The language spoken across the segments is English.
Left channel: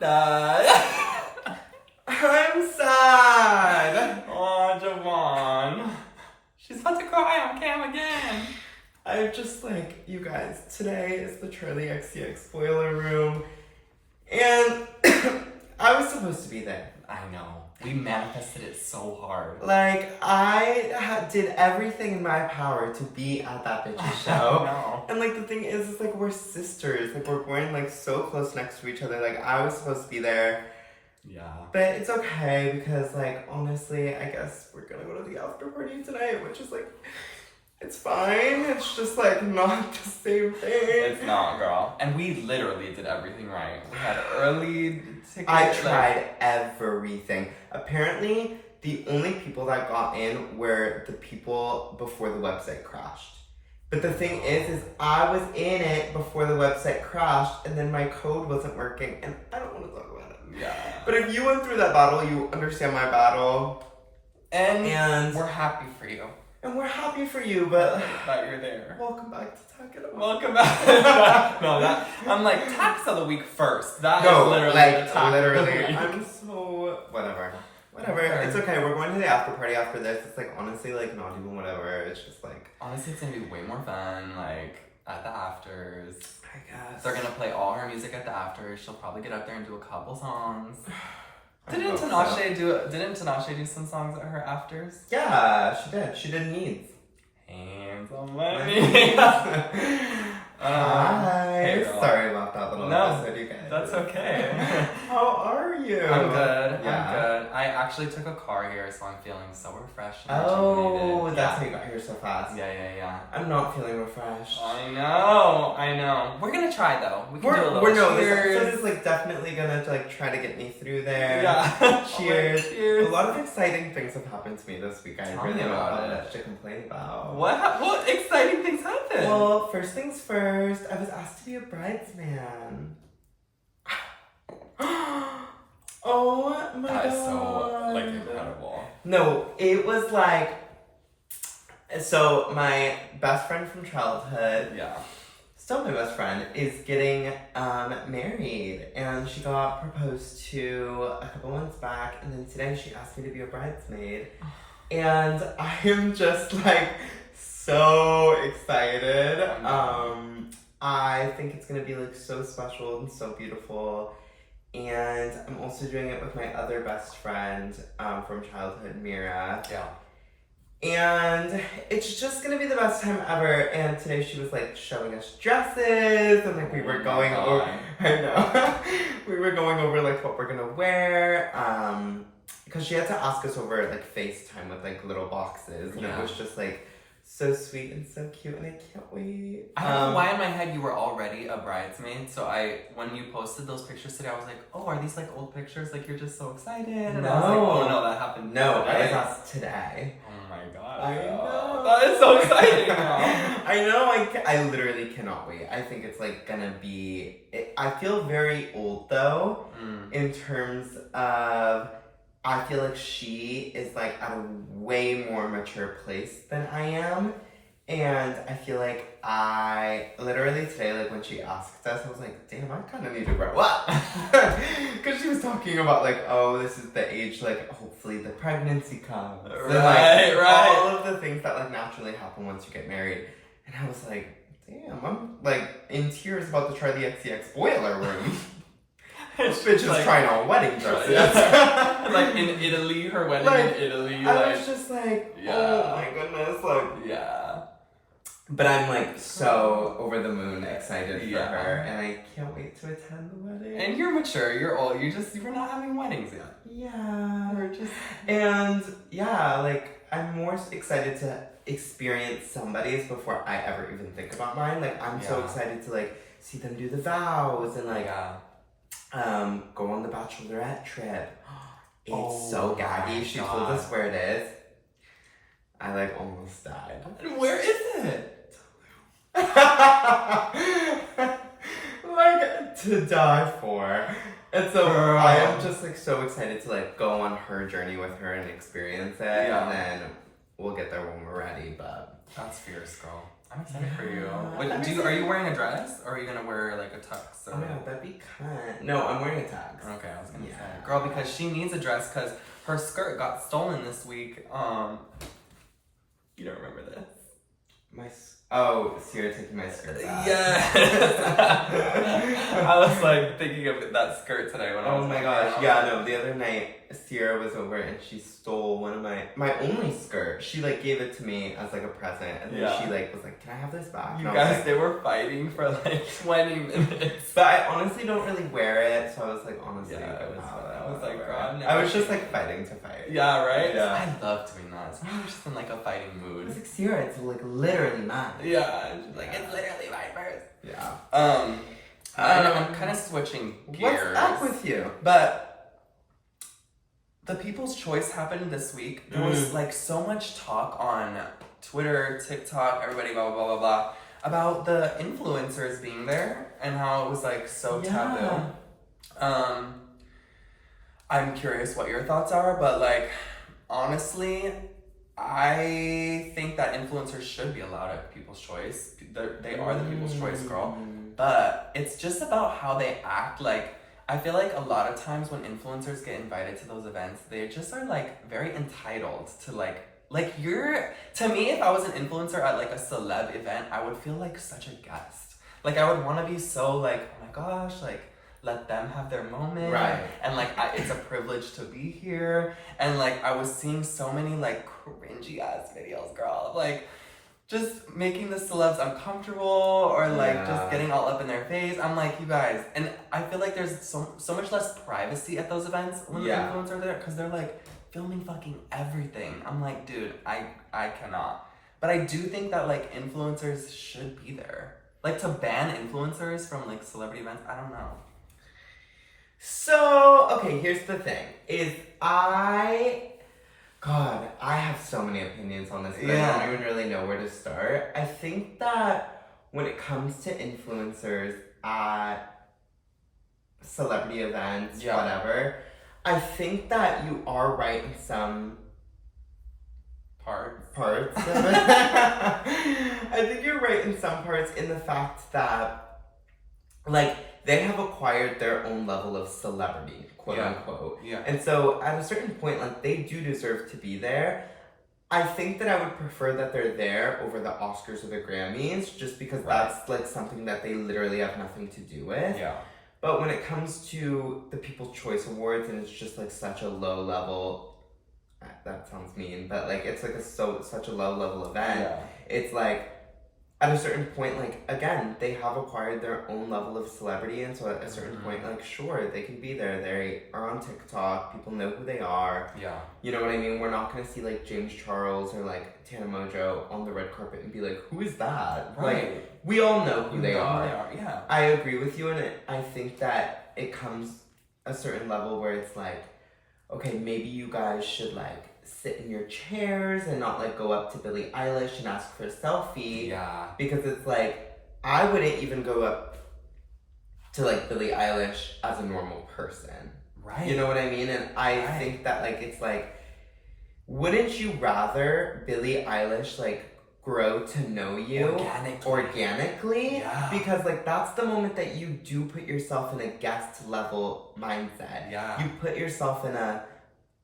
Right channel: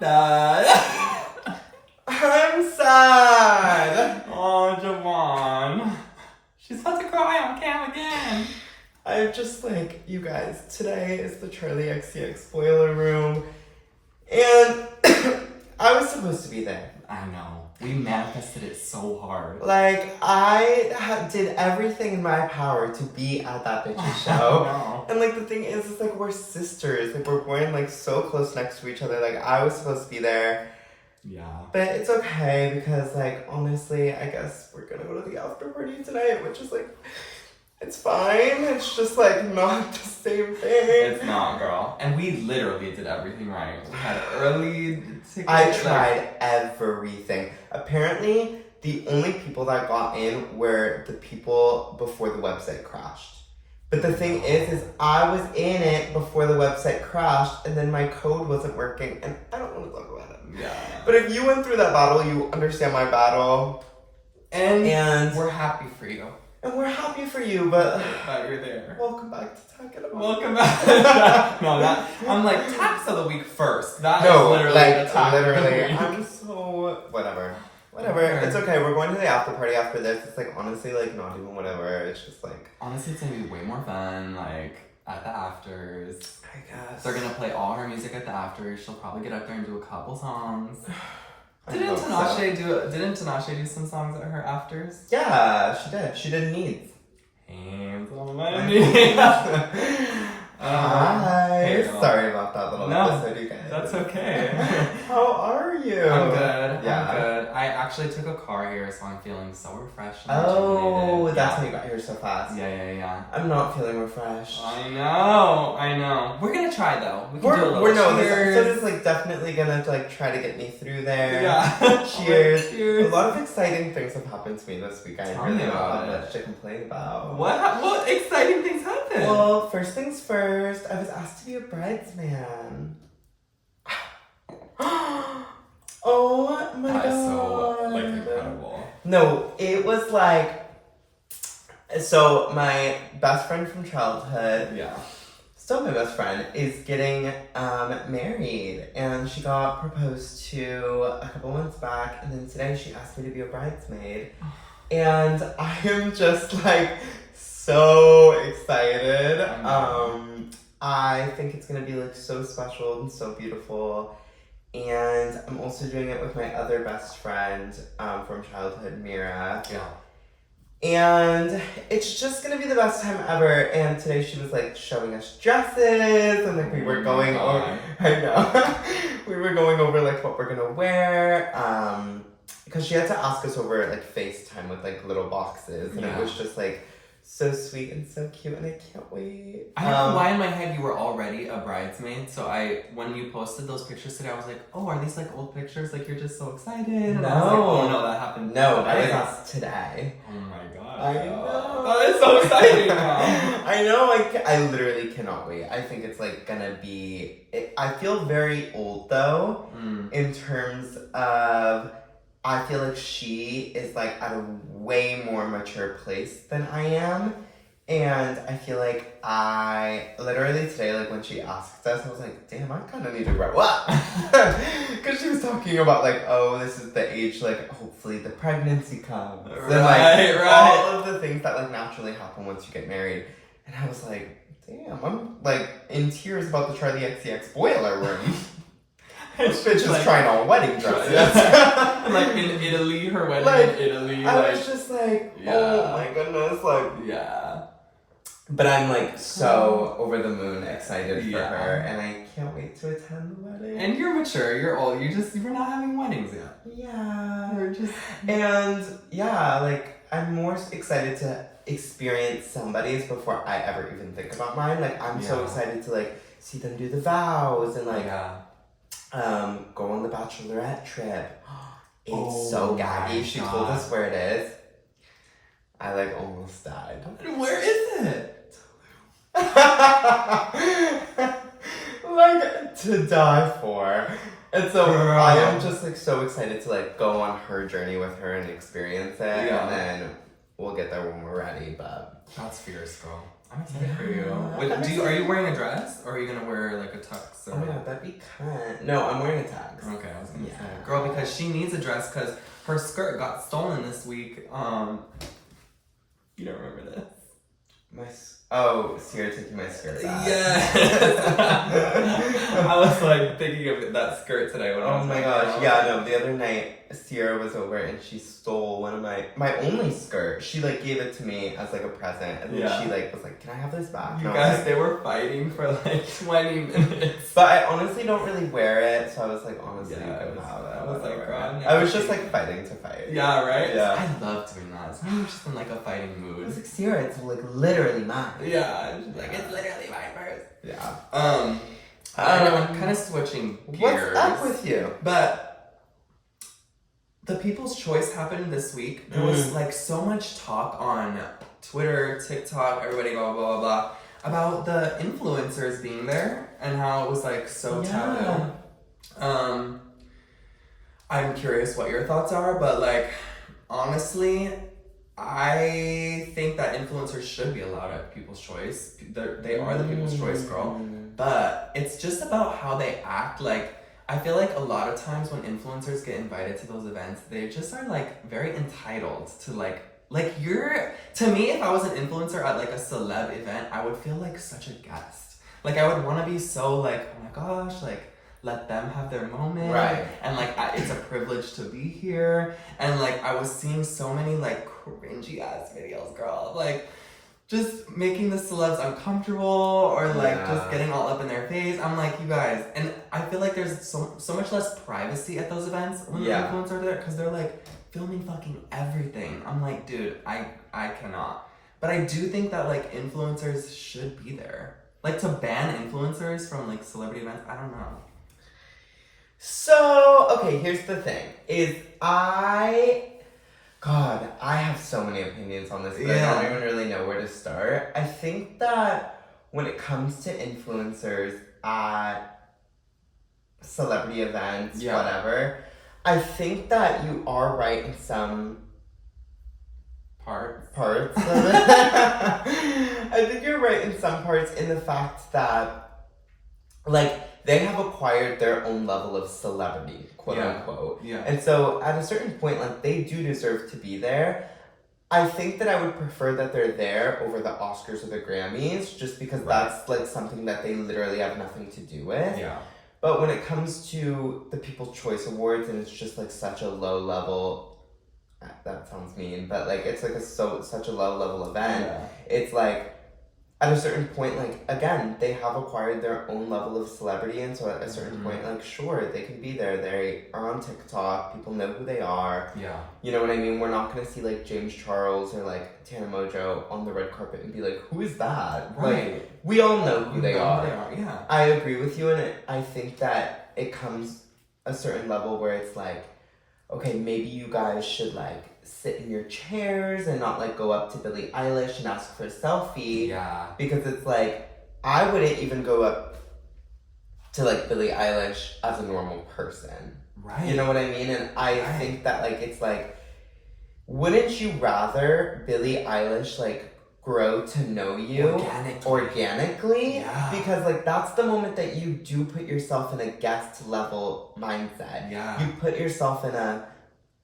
Dad. I'm sad. Oh, Javaughn. She's about to cry on cam again. I'm just like, you guys, today is the Charlie XCX boiler room, and I was supposed to be there. I know. We manifested it so hard. Like, I did everything in my power to be at that bitchy show. No. And, like, the thing is, like, we're sisters. Like, we're born, like, so close next to each other. Like, I was supposed to be there. Yeah. But it's okay, because, like, honestly, I guess we're gonna go to the after party tonight, which is, like, it's fine. It's just, like, not the same thing. It's not, girl. And we literally did everything right. We had early tickets. I tried everything. Apparently, the only people that got in were the people before the website crashed. But the thing is I was in it before the website crashed, and then my code wasn't working, and I don't want to talk about it. Yeah. But if you went through that battle, you understand my battle. And we're happy for you. And we're happy for you, but that you're there. Welcome back to Tack. Welcome back. No, that I'm like tax of the week first. That is literally like the tax literally. of the week. I'm so whatever. It's okay. We're going to the after party after this. It's like honestly like not even whatever. It's just like honestly, it's gonna be way more fun. Like at the afters. I guess they're gonna play all her music at the afters. She'll probably get up there and do a couple songs. Didn't Tinashe do some songs at her afters? Yeah, she did. She did Needs. Hands on my knees. Hi. Hey, sorry about that little episode, you guys. That's okay. How are you? I'm good. Yeah. I'm good. I actually took a car here, so I'm feeling so refreshed. And oh, rejuvenated. that's how you got here so fast. Yeah. I'm not feeling refreshed. I know. We're gonna try though. We can do a little this cheers. episode is like definitely gonna like try to get me through there. Yeah. Cheers. Cheers. A lot of exciting things have happened to me this week. I Tell really me don't about have it. much to complain about. What exciting things happened? Well, first things first, I was asked to be a bridesman. Oh my god. That is so incredible. No, it was like, so my best friend from childhood, still my best friend, is getting married, and she got proposed to a couple months back, and then today she asked me to be a bridesmaid, and I am just like so excited. I think it's gonna be like so special and so beautiful. And I'm also doing it with my other best friend from childhood, Mira. Yeah. And it's just gonna be the best time ever. And today she was like showing us dresses, and like we were going over. I know. We were going over like what we're gonna wear. Because she had to ask us over like FaceTime with like little boxes, and it was just like so sweet and so cute, and I can't wait. I don't know why in my head you were already a bridesmaid, so when you posted those pictures today, I was like, oh, are these like old pictures? Like you're just so excited? And I was like, oh no, that happened No, today. I was asked today. Oh my god. I know. That is so exciting now. I know, I literally cannot wait. I think it's like gonna be, I feel very old though, in terms of, I feel like she is like at a way more mature place than I am. And I feel like I literally today, like when she asked us, I was like, damn, I kind of need to grow up. Because she was talking about like, oh, this is the age, like hopefully the pregnancy comes. Right. All of the things that like naturally happen once you get married. And I was like, damn, I'm like in tears about the Charlie XCX boiler room. This bitch is like, trying on wedding dresses. And like in Italy, her wedding in Italy. I was just like, oh my goodness, like. Yeah. But I'm like so over the moon excited for her, and I can't wait to attend the wedding. And you're mature, you're old, you're not having weddings yet. Yeah. You're just. And yeah, like I'm more excited to experience somebody's before I ever even think about mine. Like I'm so excited to like see them do the vows and like go on the bachelorette trip. It's so gaggy. She told us where it is. I like almost died. Where is it? Like to die for. And so I am just like so excited to like go on her journey with her and experience it. And then we'll get there when we're ready, but that's fierce, girl. I'm excited for you. Are you wearing a dress or are you gonna wear like a tux? Or... Oh my god, that'd be cunt. No, I'm wearing a tux. Okay, I was gonna say, girl, because she needs a dress because her skirt got stolen this week. You don't remember this? Sierra taking my skirt back. Yes. I was like thinking of that skirt today when I was. Oh my gosh, yeah, no. The other night, Sierra was over and she stole one of my only skirt. She like gave it to me as like a present, and then she like was like, "Can I have this back?" You guys, like, they were fighting for like 20 minutes. But I honestly don't really wear it, so I was like, honestly, I was like, girl, I was just like fighting to fight. Yeah, right. Yeah, I love doing that. Sometimes you're just in like a fighting mood. I was like, Sierra, it's like literally mine. Yeah, she's like, it's literally my purse. Yeah. I'm kind of switching gears. What's up with you? But the People's Choice happened this week. There was like so much talk on Twitter, TikTok, everybody, blah, blah, blah, blah, about the influencers being there and how it was like so taboo. I'm curious what your thoughts are, but like, honestly, I think that influencers should be allowed at People's Choice. They are the People's Choice, girl. But it's just about how they act. Like, I feel like a lot of times when influencers get invited to those events, they just are like very entitled to to me, if I was an influencer at like a celeb event, I would feel like such a guest. Like, I would want to be so like, oh my gosh, like, let them have their moment. Right. And like, it's a privilege to be here. And like, I was seeing so many like cringy ass videos, girl, of like just making the celebs uncomfortable or like just getting all up in their face. I'm like, you guys, and I feel like there's so much less privacy at those events when the influencers are there, because they're like filming fucking everything. I'm like, dude, I cannot. But I do think that like influencers should be there. Like, to ban influencers from like celebrity events, I don't know. So, okay, here's the thing. I have so many opinions on this, but I don't even really know where to start. I think that when it comes to influencers at celebrity events, whatever, I think that you are right in some parts of it. I think you're right in some parts in the fact that, like, they have acquired their own level of celebrity, quote unquote. Yeah. And so at a certain point, like, they do deserve to be there. I think that I would prefer that they're there over the Oscars or the Grammys, just because that's like something that they literally have nothing to do with. Yeah. But when it comes to the People's Choice Awards, and it's just like such a low level, that sounds mean, but like it's like such a low level event. It's like, at a certain point, like, again, they have acquired their own level of celebrity, and so at a certain point, like, sure, they can be there. They are on TikTok. People know who they are. Yeah. You know what I mean? We're not going to see, like, James Charles or, like, Tana Mojo on the red carpet and be like, who is that? Right. Like, we all know who they are. Yeah. I agree with you, and I think that it comes a certain level where it's like, okay, maybe you guys should, like, sit in your chairs and not like go up to Billie Eilish and ask for a selfie. Yeah. Because it's like, I wouldn't even go up to like Billie Eilish as a normal person. Right. You know what I mean? And I think that like, it's like, wouldn't you rather Billie Eilish like grow to know you organically? Yeah. Because like, that's the moment that you do put yourself in a guest level mindset. Yeah. You put yourself in a,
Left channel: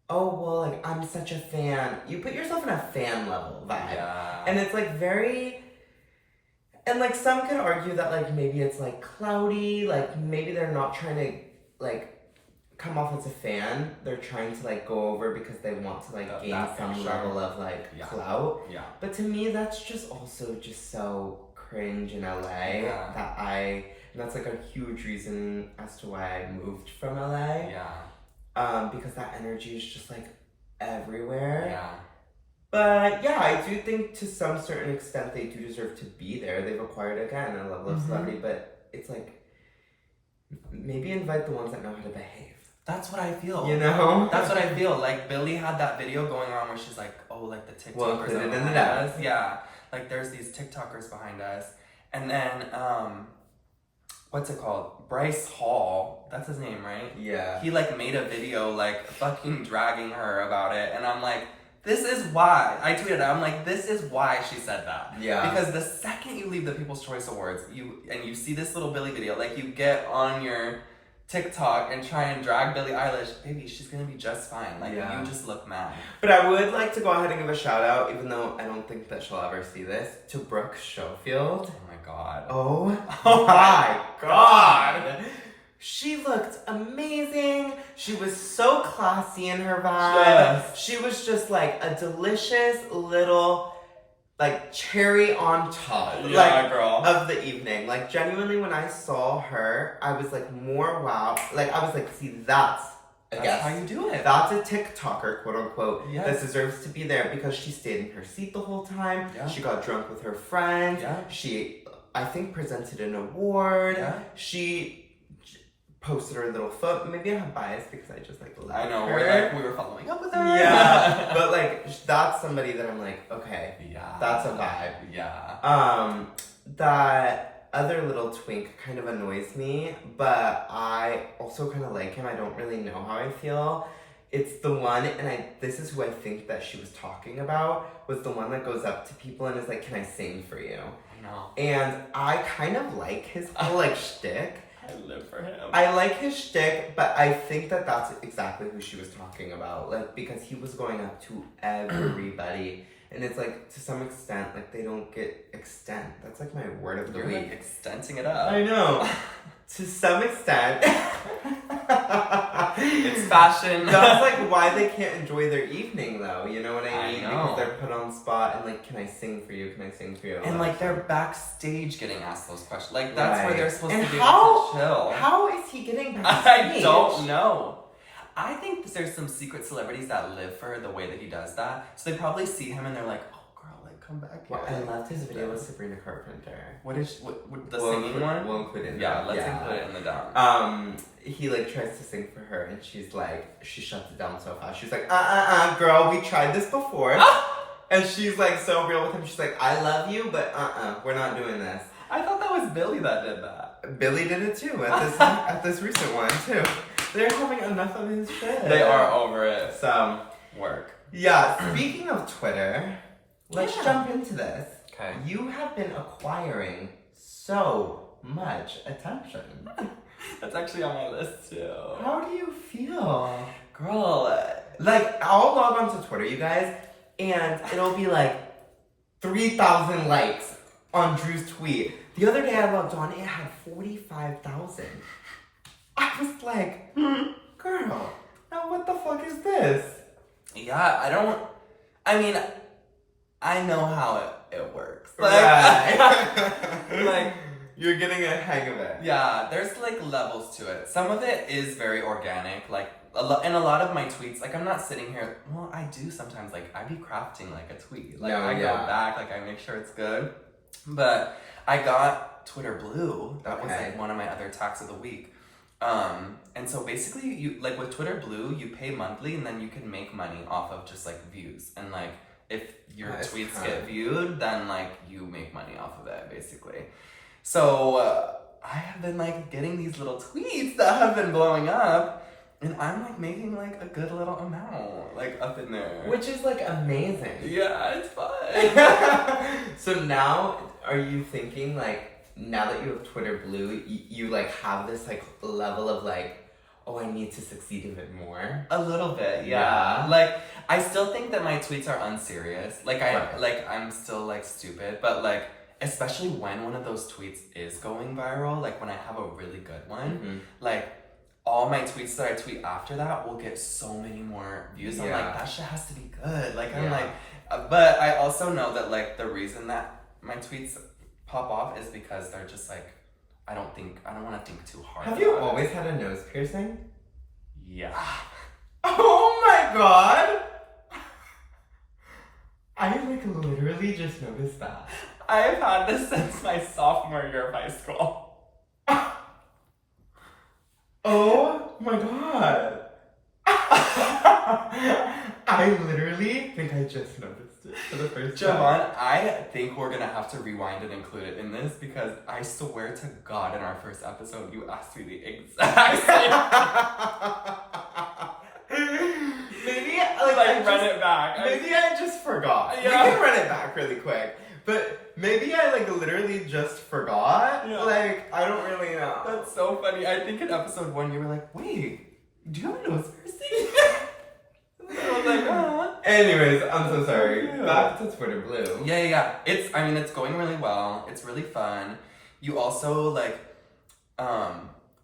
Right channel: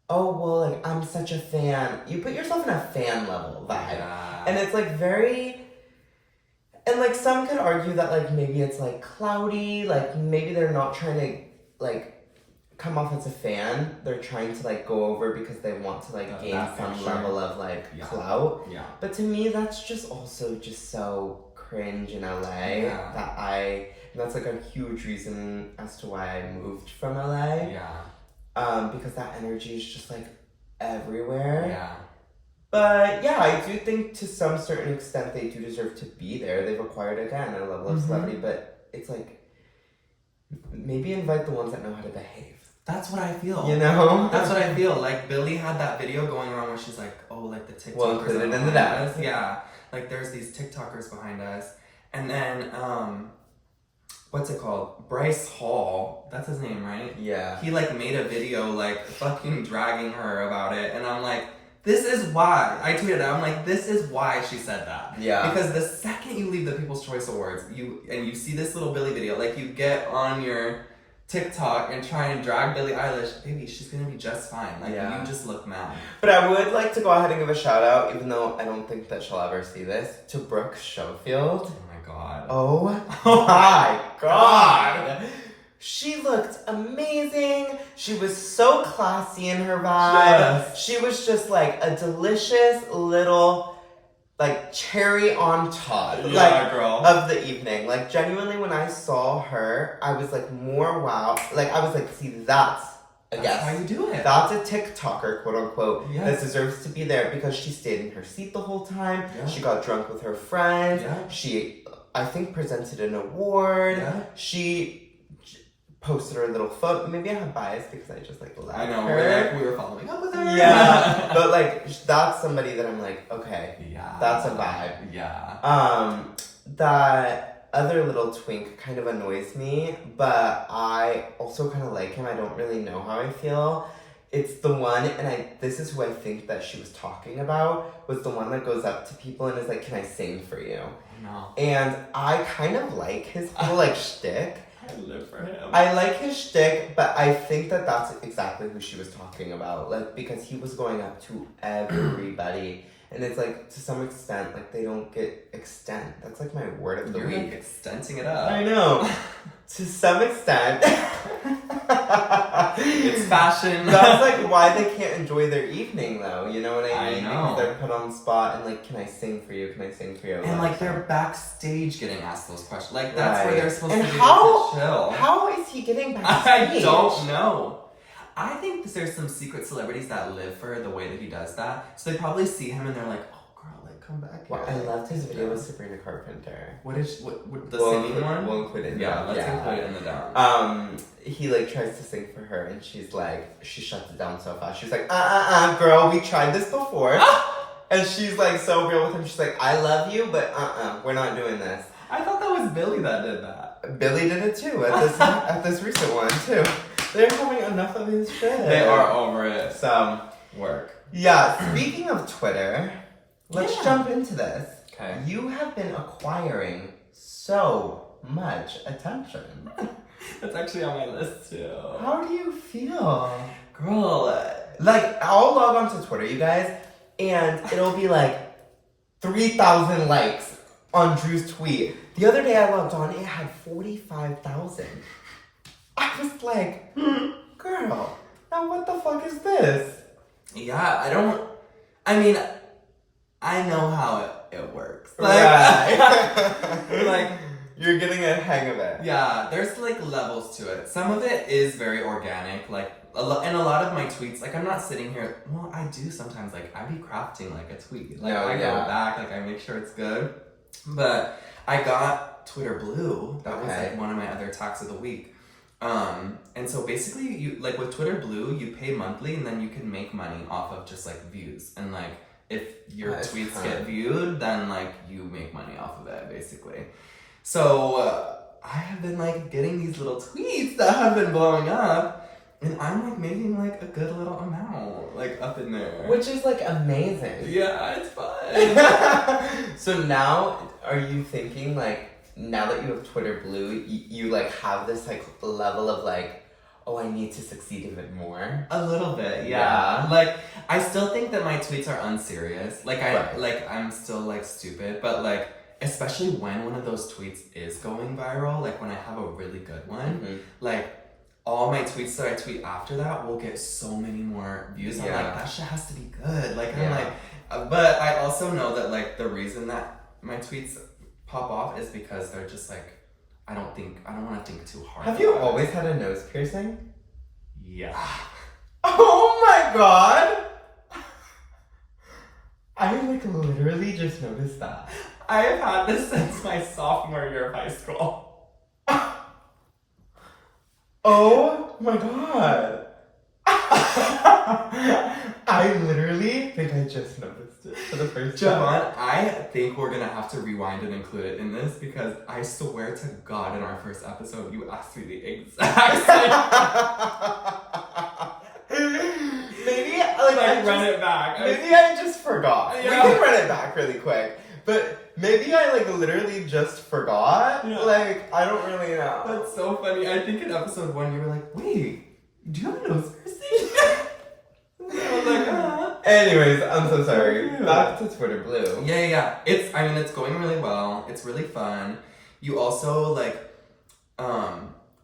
oh, well, like, I'm such a fan. You put yourself in a fan level vibe. Yeah. And it's, like, very... And, like, some could argue that, like, maybe it's, like, cloudy. Like, maybe they're not trying to, like, come off as a fan. They're trying to, like, go over because they want to, like, gain some level of, like, clout. Yeah. But to me, that's just also just so cringe in LA that And that's, like, a huge reason as to why I moved from LA. Yeah. Because that energy is just like everywhere. Yeah. But yeah, I do think to some certain extent they do deserve to be there. They've acquired, again, a level of celebrity, but it's like, maybe invite the ones that know how to behave. That's what I feel. You know? That's what I feel. Like, Billie had that video going around where she's like, oh, like the TikTokers. Well, include it in the dance. Yeah. Like, there's these TikTokers behind us. And then, what's it called? Bryce Hall. That's his name, right? Yeah. He, like, made a video, like, fucking dragging her about it. And I'm like, this is why. I tweeted out, I'm like, this is why she said that. Yeah. Because the second you leave the People's Choice Awards, you see this little Billie video, like you get on your TikTok and try and drag Billie Eilish, baby, she's gonna be just fine. Like, you just look mad. But I would like to go ahead and give a shout out, even though I don't think that she'll ever see this, to Brooke Schofield. Oh my god. Oh my god. She looked amazing. She was so classy in her vibe. Yes. She was just like a delicious little, like, cherry on top, girl. of the evening. Like, genuinely, when I saw her, I was like more wow. Like, I was like, see, that's how you do it. That's a TikToker, quote unquote, yes. that deserves to be there because she stayed in her seat the whole time. Yeah. She got drunk with her friends. Yeah. She, I think, presented an award. Yeah. She posted her little photo. Maybe I have bias because I just like love I know, her. we were following up with her. Yeah. But like, that's somebody that I'm like, okay, yeah, that's a vibe. Yeah. That other little twink kind of annoys me, but I also kind of like him. I don't really know how I feel. It's the one, and this is who I think that she was talking about, was the one that goes up to people and is like, can I sing for you? No. And I kind of like his whole like shtick. I live for him. I like his shtick, but I think that that's exactly who she was talking about. Like, because he was going up to everybody. And it's like, to some extent, like, they don't get extent. That's like my word of the You're week. like extending it up. I know. To some extent. It's fashion. That's like why they can't enjoy their evening, though. You know what I mean? I know. Because they're put on the spot and like, can I sing for you? Can I sing for you? And like they're backstage getting asked those questions. Like that's where they're supposed to be how, able to chill. How is he getting backstage? I don't know. I think there's some secret celebrities that live for the way that he does that. So they probably see him and they're like, oh girl, like come back here. Well, I loved his video with Sabrina Carpenter. What the singing one? We'll include it in the Yeah, let's include it in the down. He like tries to sing for her and she's like, she shuts it down so fast. She's like, girl, we tried this before. And she's like so real with him. She's like, I love you, but we're not doing this. I thought that was Billie that did that. Billie did it too at this recent one too. They're having enough of his shit. They are over it. Some work. Yeah, speaking of Twitter, let's jump into this. Okay. You have been acquiring so much attention. That's actually on my list too. How do you feel? Girl. Like, I'll log on to Twitter, you guys, and it'll be like 3,000 likes on Drew's tweet. The other day I logged on, it had 45,000. I was like, girl, now what the fuck is this? Yeah, I mean, I know how it works. Like, right. Like, you're getting a hang of it. Yeah, there's like levels to it. Some of it is very organic, like and a lot of my tweets, like I'm not sitting here, well, I do sometimes, like I be crafting like a tweet. Like I go back, like I make sure it's good. But I got Twitter Blue. That was like one of my other tacks of the week. And so basically you like with Twitter Blue, you pay monthly and then you can make money off of just like views. And like if your tweets get viewed, then like you make money off of it basically. So I have been like getting these little tweets that have been blowing up and I'm like making like a good little amount like up in there. Which is like amazing. Yeah, it's fun. So now are you thinking like, now that you have Twitter Blue, you like have this like level of like, oh, I need to succeed even more? A little bit, yeah. Like, I still think that my tweets are unserious. Like, I'm still like stupid, but like, especially when one of those tweets is going viral, like when I have a really good one, like all my tweets that I tweet after that will get so many more views. I'm like, that shit has to be good. Like, I'm like, but I also know that like the reason that my tweets pop off is because they're just like, I don't want to think too hard. Have you always had a nose piercing? Yeah. Oh my god! I like literally just noticed that. I've had this since my sophomore year of high school. Oh my god. I literally think I just noticed it for the first time. Javaughn, I think we're gonna have to rewind and include it in this because I swear to God in our first episode you asked me the exact same. Maybe like run it back. Maybe I forgot. Yeah. We can run it back really quick. But maybe I, like, literally just forgot. Yeah. Like, I don't really know. That's so funny. I think in episode 1 you were like, wait, do you have a nose piercing? I was like, Anyways, I'm so sorry. Yeah. Back to Twitter Blue. Yeah. It's going really well. It's really fun. You also, like,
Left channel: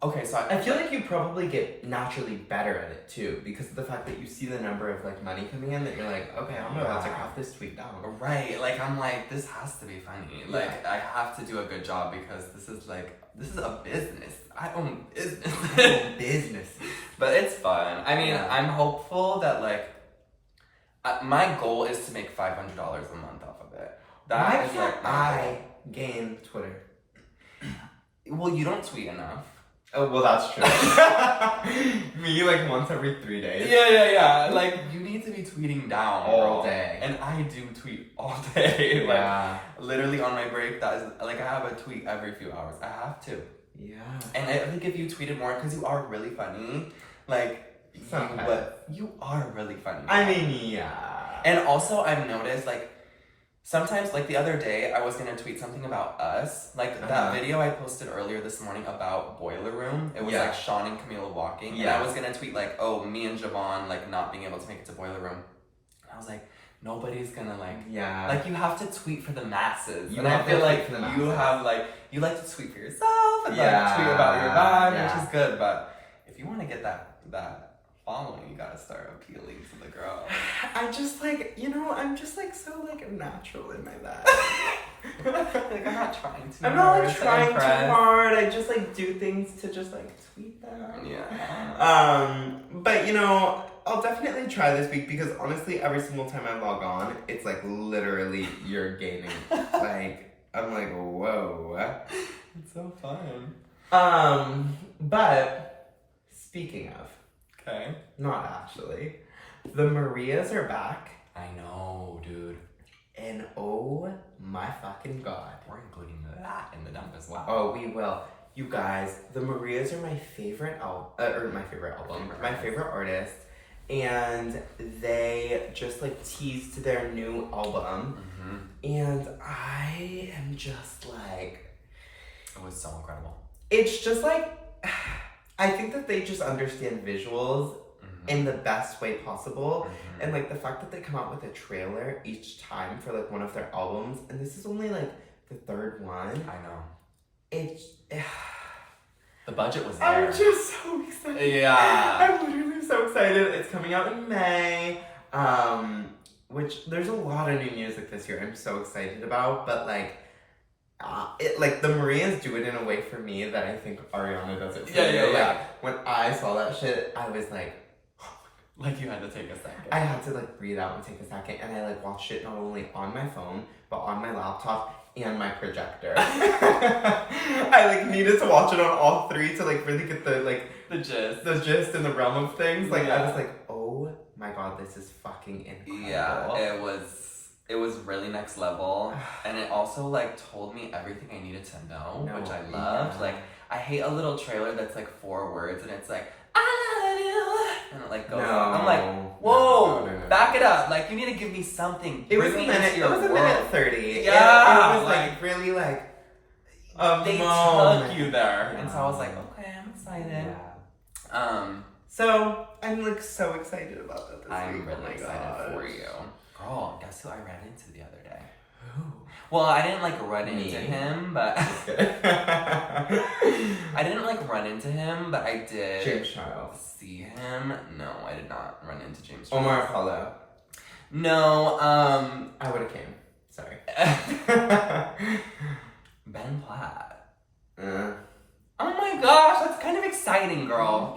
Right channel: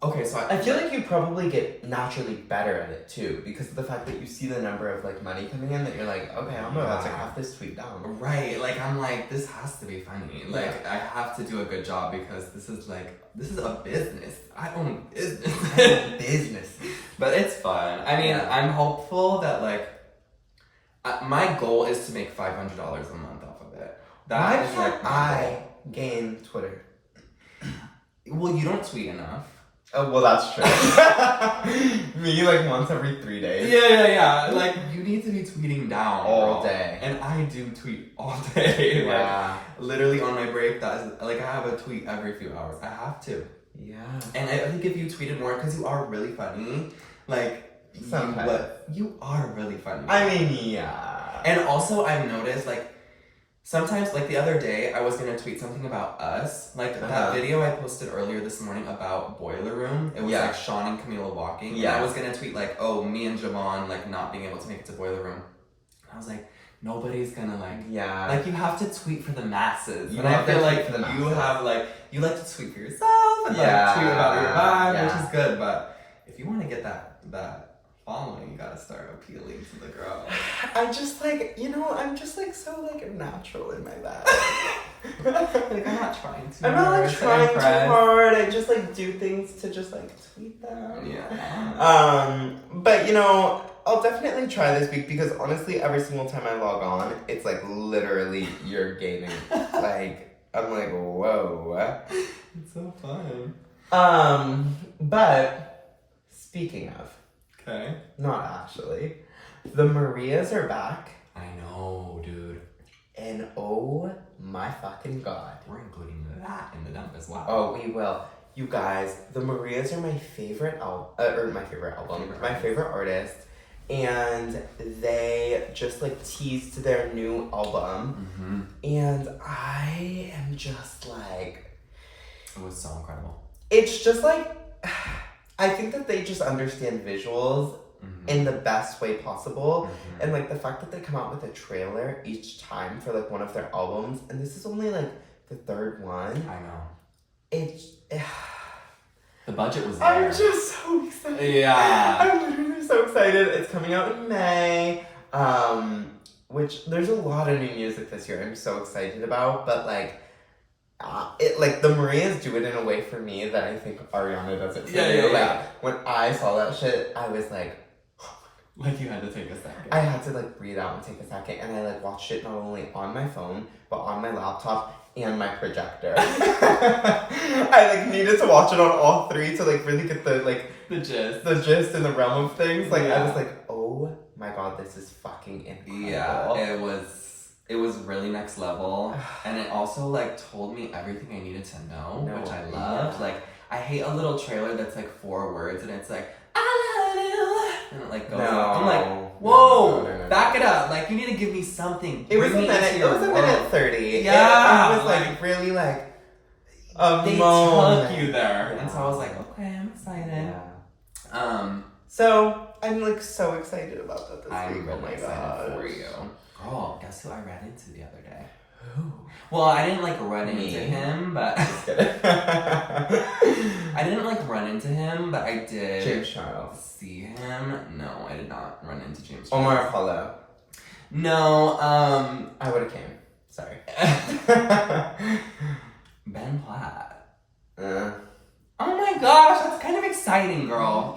okay, so I feel like you probably get naturally better at it too, because of the fact that you see the number of like money coming in that you're like, okay, I'm about to craft this tweet down. Right, like I'm like, this has to be funny. Like I have to do a good job because this is a business. I own business. I own business. But it's fun. I mean, Yeah. I'm hopeful that like my goal is to make $500 a month off of it. Why That is like can't my I goal. gain Twitter? Well, you don't tweet enough. Oh, well, that's true. Me, like, once every 3 days. Yeah. Like, you need to be tweeting down All girl. day. And I do tweet all day. Yeah. Like, literally on my break, that is, like, I have a tweet every few hours. I have to. Yeah. And I think if you tweeted more, because you are really funny, like, Sometimes. you are really funny. I mean, yeah. And also, I've noticed, like, sometimes, like the other day, I was gonna tweet something about us. Like that video I posted earlier this morning about Boiler Room. It was like Sean and Camila walking. Yeah. And I was gonna tweet like, oh, me and Javaughn like not being able to make it to Boiler Room. And I was like, nobody's gonna like you have to tweet for the masses. You and I have to feel tweet like for the you masses. have like you like to tweet for yourself and like Yeah. tweet about your vibe, Yeah. which is good. But if you want to get that following, you gotta start appealing to the girl. I just like, I'm just like so like natural in my life. Like I'm not trying to. I'm not like to trying impress. too hard. I just like do things to just like tweet them. Yeah. But I'll definitely try this week because honestly, every single time I log on, it's like literally you're gaining. Like I'm like, whoa. It's so fun. But speaking of, Okay. not actually, the Marias are back, I know, dude. and oh my fucking god. We're including that in the dump as well. Oh, we will. You guys, the Marias are my favorite my favorite artist, and they just like teased their new album, and I am just like, It was so incredible. it's just like, I think that they just understand visuals in the best way possible, and like the fact that they come out with a trailer each time for like one of their albums, and this is only like the third one. I know. It's The budget was there. I'm just so excited. Yeah. I'm literally so excited. It's coming out in May. Which there's a lot of new music this year I'm so excited about, but like the Marias do it in a way for me that I think Ariana does it for you. Like when I saw that shit, I was like, like you had to take a second. I had to like breathe out and take a second, and I like watched it not only on my phone but on my laptop and my projector. I like needed to watch it on all three to like really get the gist and the realm of things. Like I was like, oh my god, this is fucking incredible. Yeah, it was really next level, and it also like told me everything I needed to know, which I loved. Like I hate a little trailer that's like 4 words and it's like I love you, and it like goes on. I'm like, whoa, back it up. Like you need to give me something. It was a minute. It was a minute 30. Yeah, it was like really like they took you there, and so I was like, okay, I'm excited. Yeah. So I'm like so excited about that this week. I'm Oh really my excited god. for you. Girl, guess who I ran into the other day? Who? Well, I didn't like run Me? into him, but I didn't like run into him, but I did James Charles. see him. No, I did not run into James Charles. Omar Apollo. No, I would have came. Sorry. Ben Platt. Uh. Oh my gosh, that's kind of exciting, girl.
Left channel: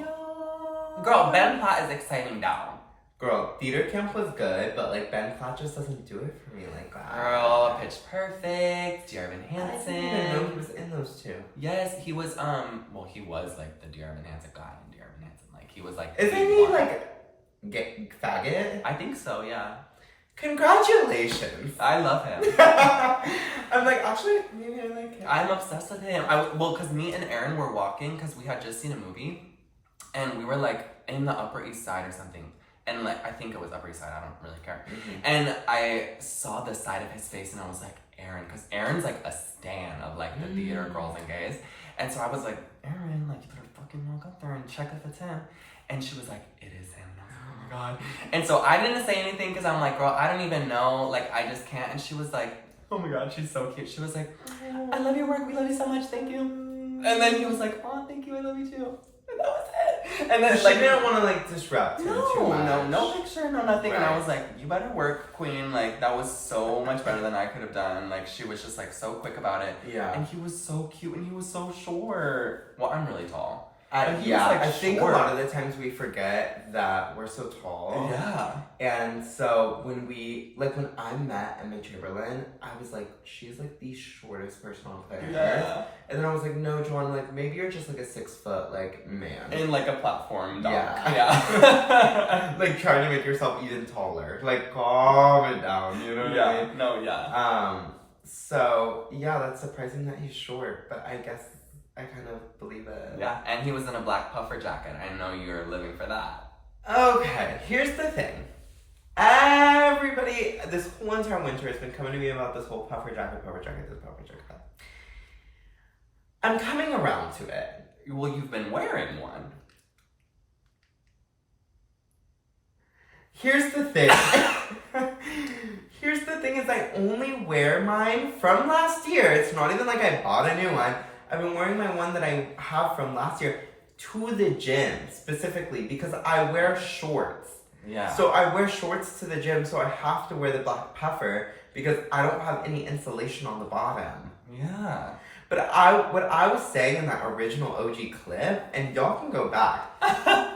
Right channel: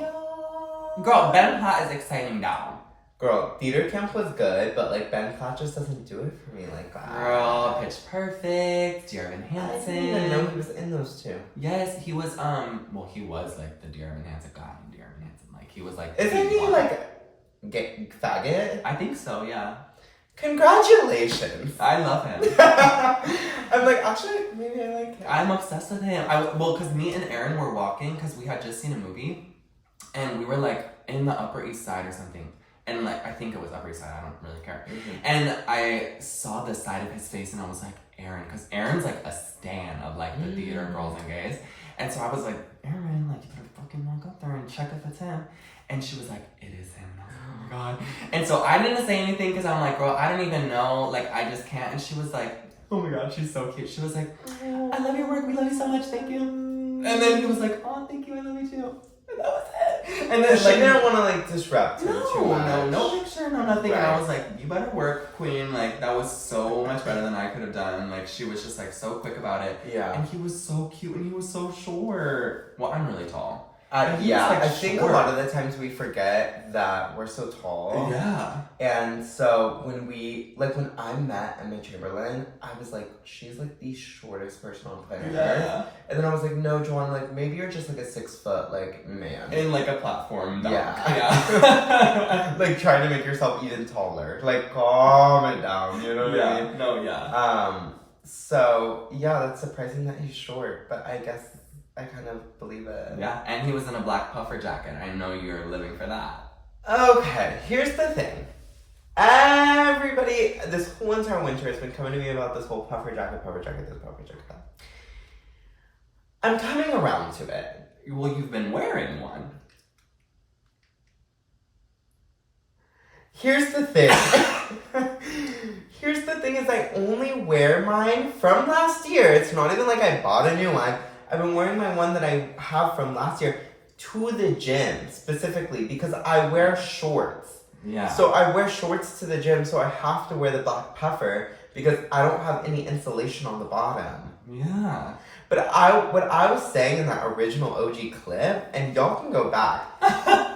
Girl, Ben Platt is exciting down. Girl, Theater Camp was good, but like Ben Platt just doesn't do it for me like that. Girl, Pitch Perfect, Dear Evan Hansen. I didn't even know he was in those two. Yes, he was, well, he was like the Dear Evan Hansen guy in Dear Evan Hansen. Like, he was like. Isn't he like gay faggot? I think so, yeah. Congratulations. I love him. I'm like, actually, maybe I like him. I'm obsessed with him. Well, because me and Erin were walking because we had just seen a movie, and we were like in the Upper East Side or something, And like, I think it was Upper East Side, I don't really care. And I saw the side of his face and I was like, Aaron, because Aaron's like a stan of like the theater girls and gays. And so I was like, Aaron, like you better fucking walk up there and check if it's him. And she was like, it is him. And I was like, oh my God. And so I didn't say anything because I'm like, girl, I don't even know. Like, I just can't. And she was like, oh my God, she's so cute. She was like, I love your work. We love you so much. Thank you. And then he was like, oh, thank you. I love you too. And that was it. And then she didn't want to like disrupt him too much. No picture, no nothing. Right. And I was like, you better work, queen. Like, that was so much better than I could have done. Like, she was just like so quick about it. Yeah. And he was so cute and he was so short. Well, I'm really tall. Yeah, like I think a lot of the times we forget that we're so tall. Yeah. And so when I met Emma Chamberlain, I was like, she's like the shortest person on planet Earth. And then I was like, no, Joanne, like maybe you're just like a 6 foot like man. In like a platform dog. Yeah. Like trying to make yourself even taller. Like calm it down, you know what I mean? No, yeah. So yeah, that's surprising that he's short, but I guess I kind of believe it. Yeah, and he was in a black puffer jacket. I know you're living for that. Okay, here's the thing. Everybody, this whole entire winter has been coming to me about this whole puffer jacket, this puffer jacket. I'm coming around to it. Well, you've been wearing one. Here's the thing. Here's the thing is I only wear mine from last year. It's not even like I bought a new one. I've been wearing my one that I have from last year to the gym specifically because I wear shorts. Yeah. So I wear shorts to the gym, so I have to wear the black puffer because I don't have any insulation on the bottom. Yeah. But what I was saying in that original OG clip, and y'all can go back,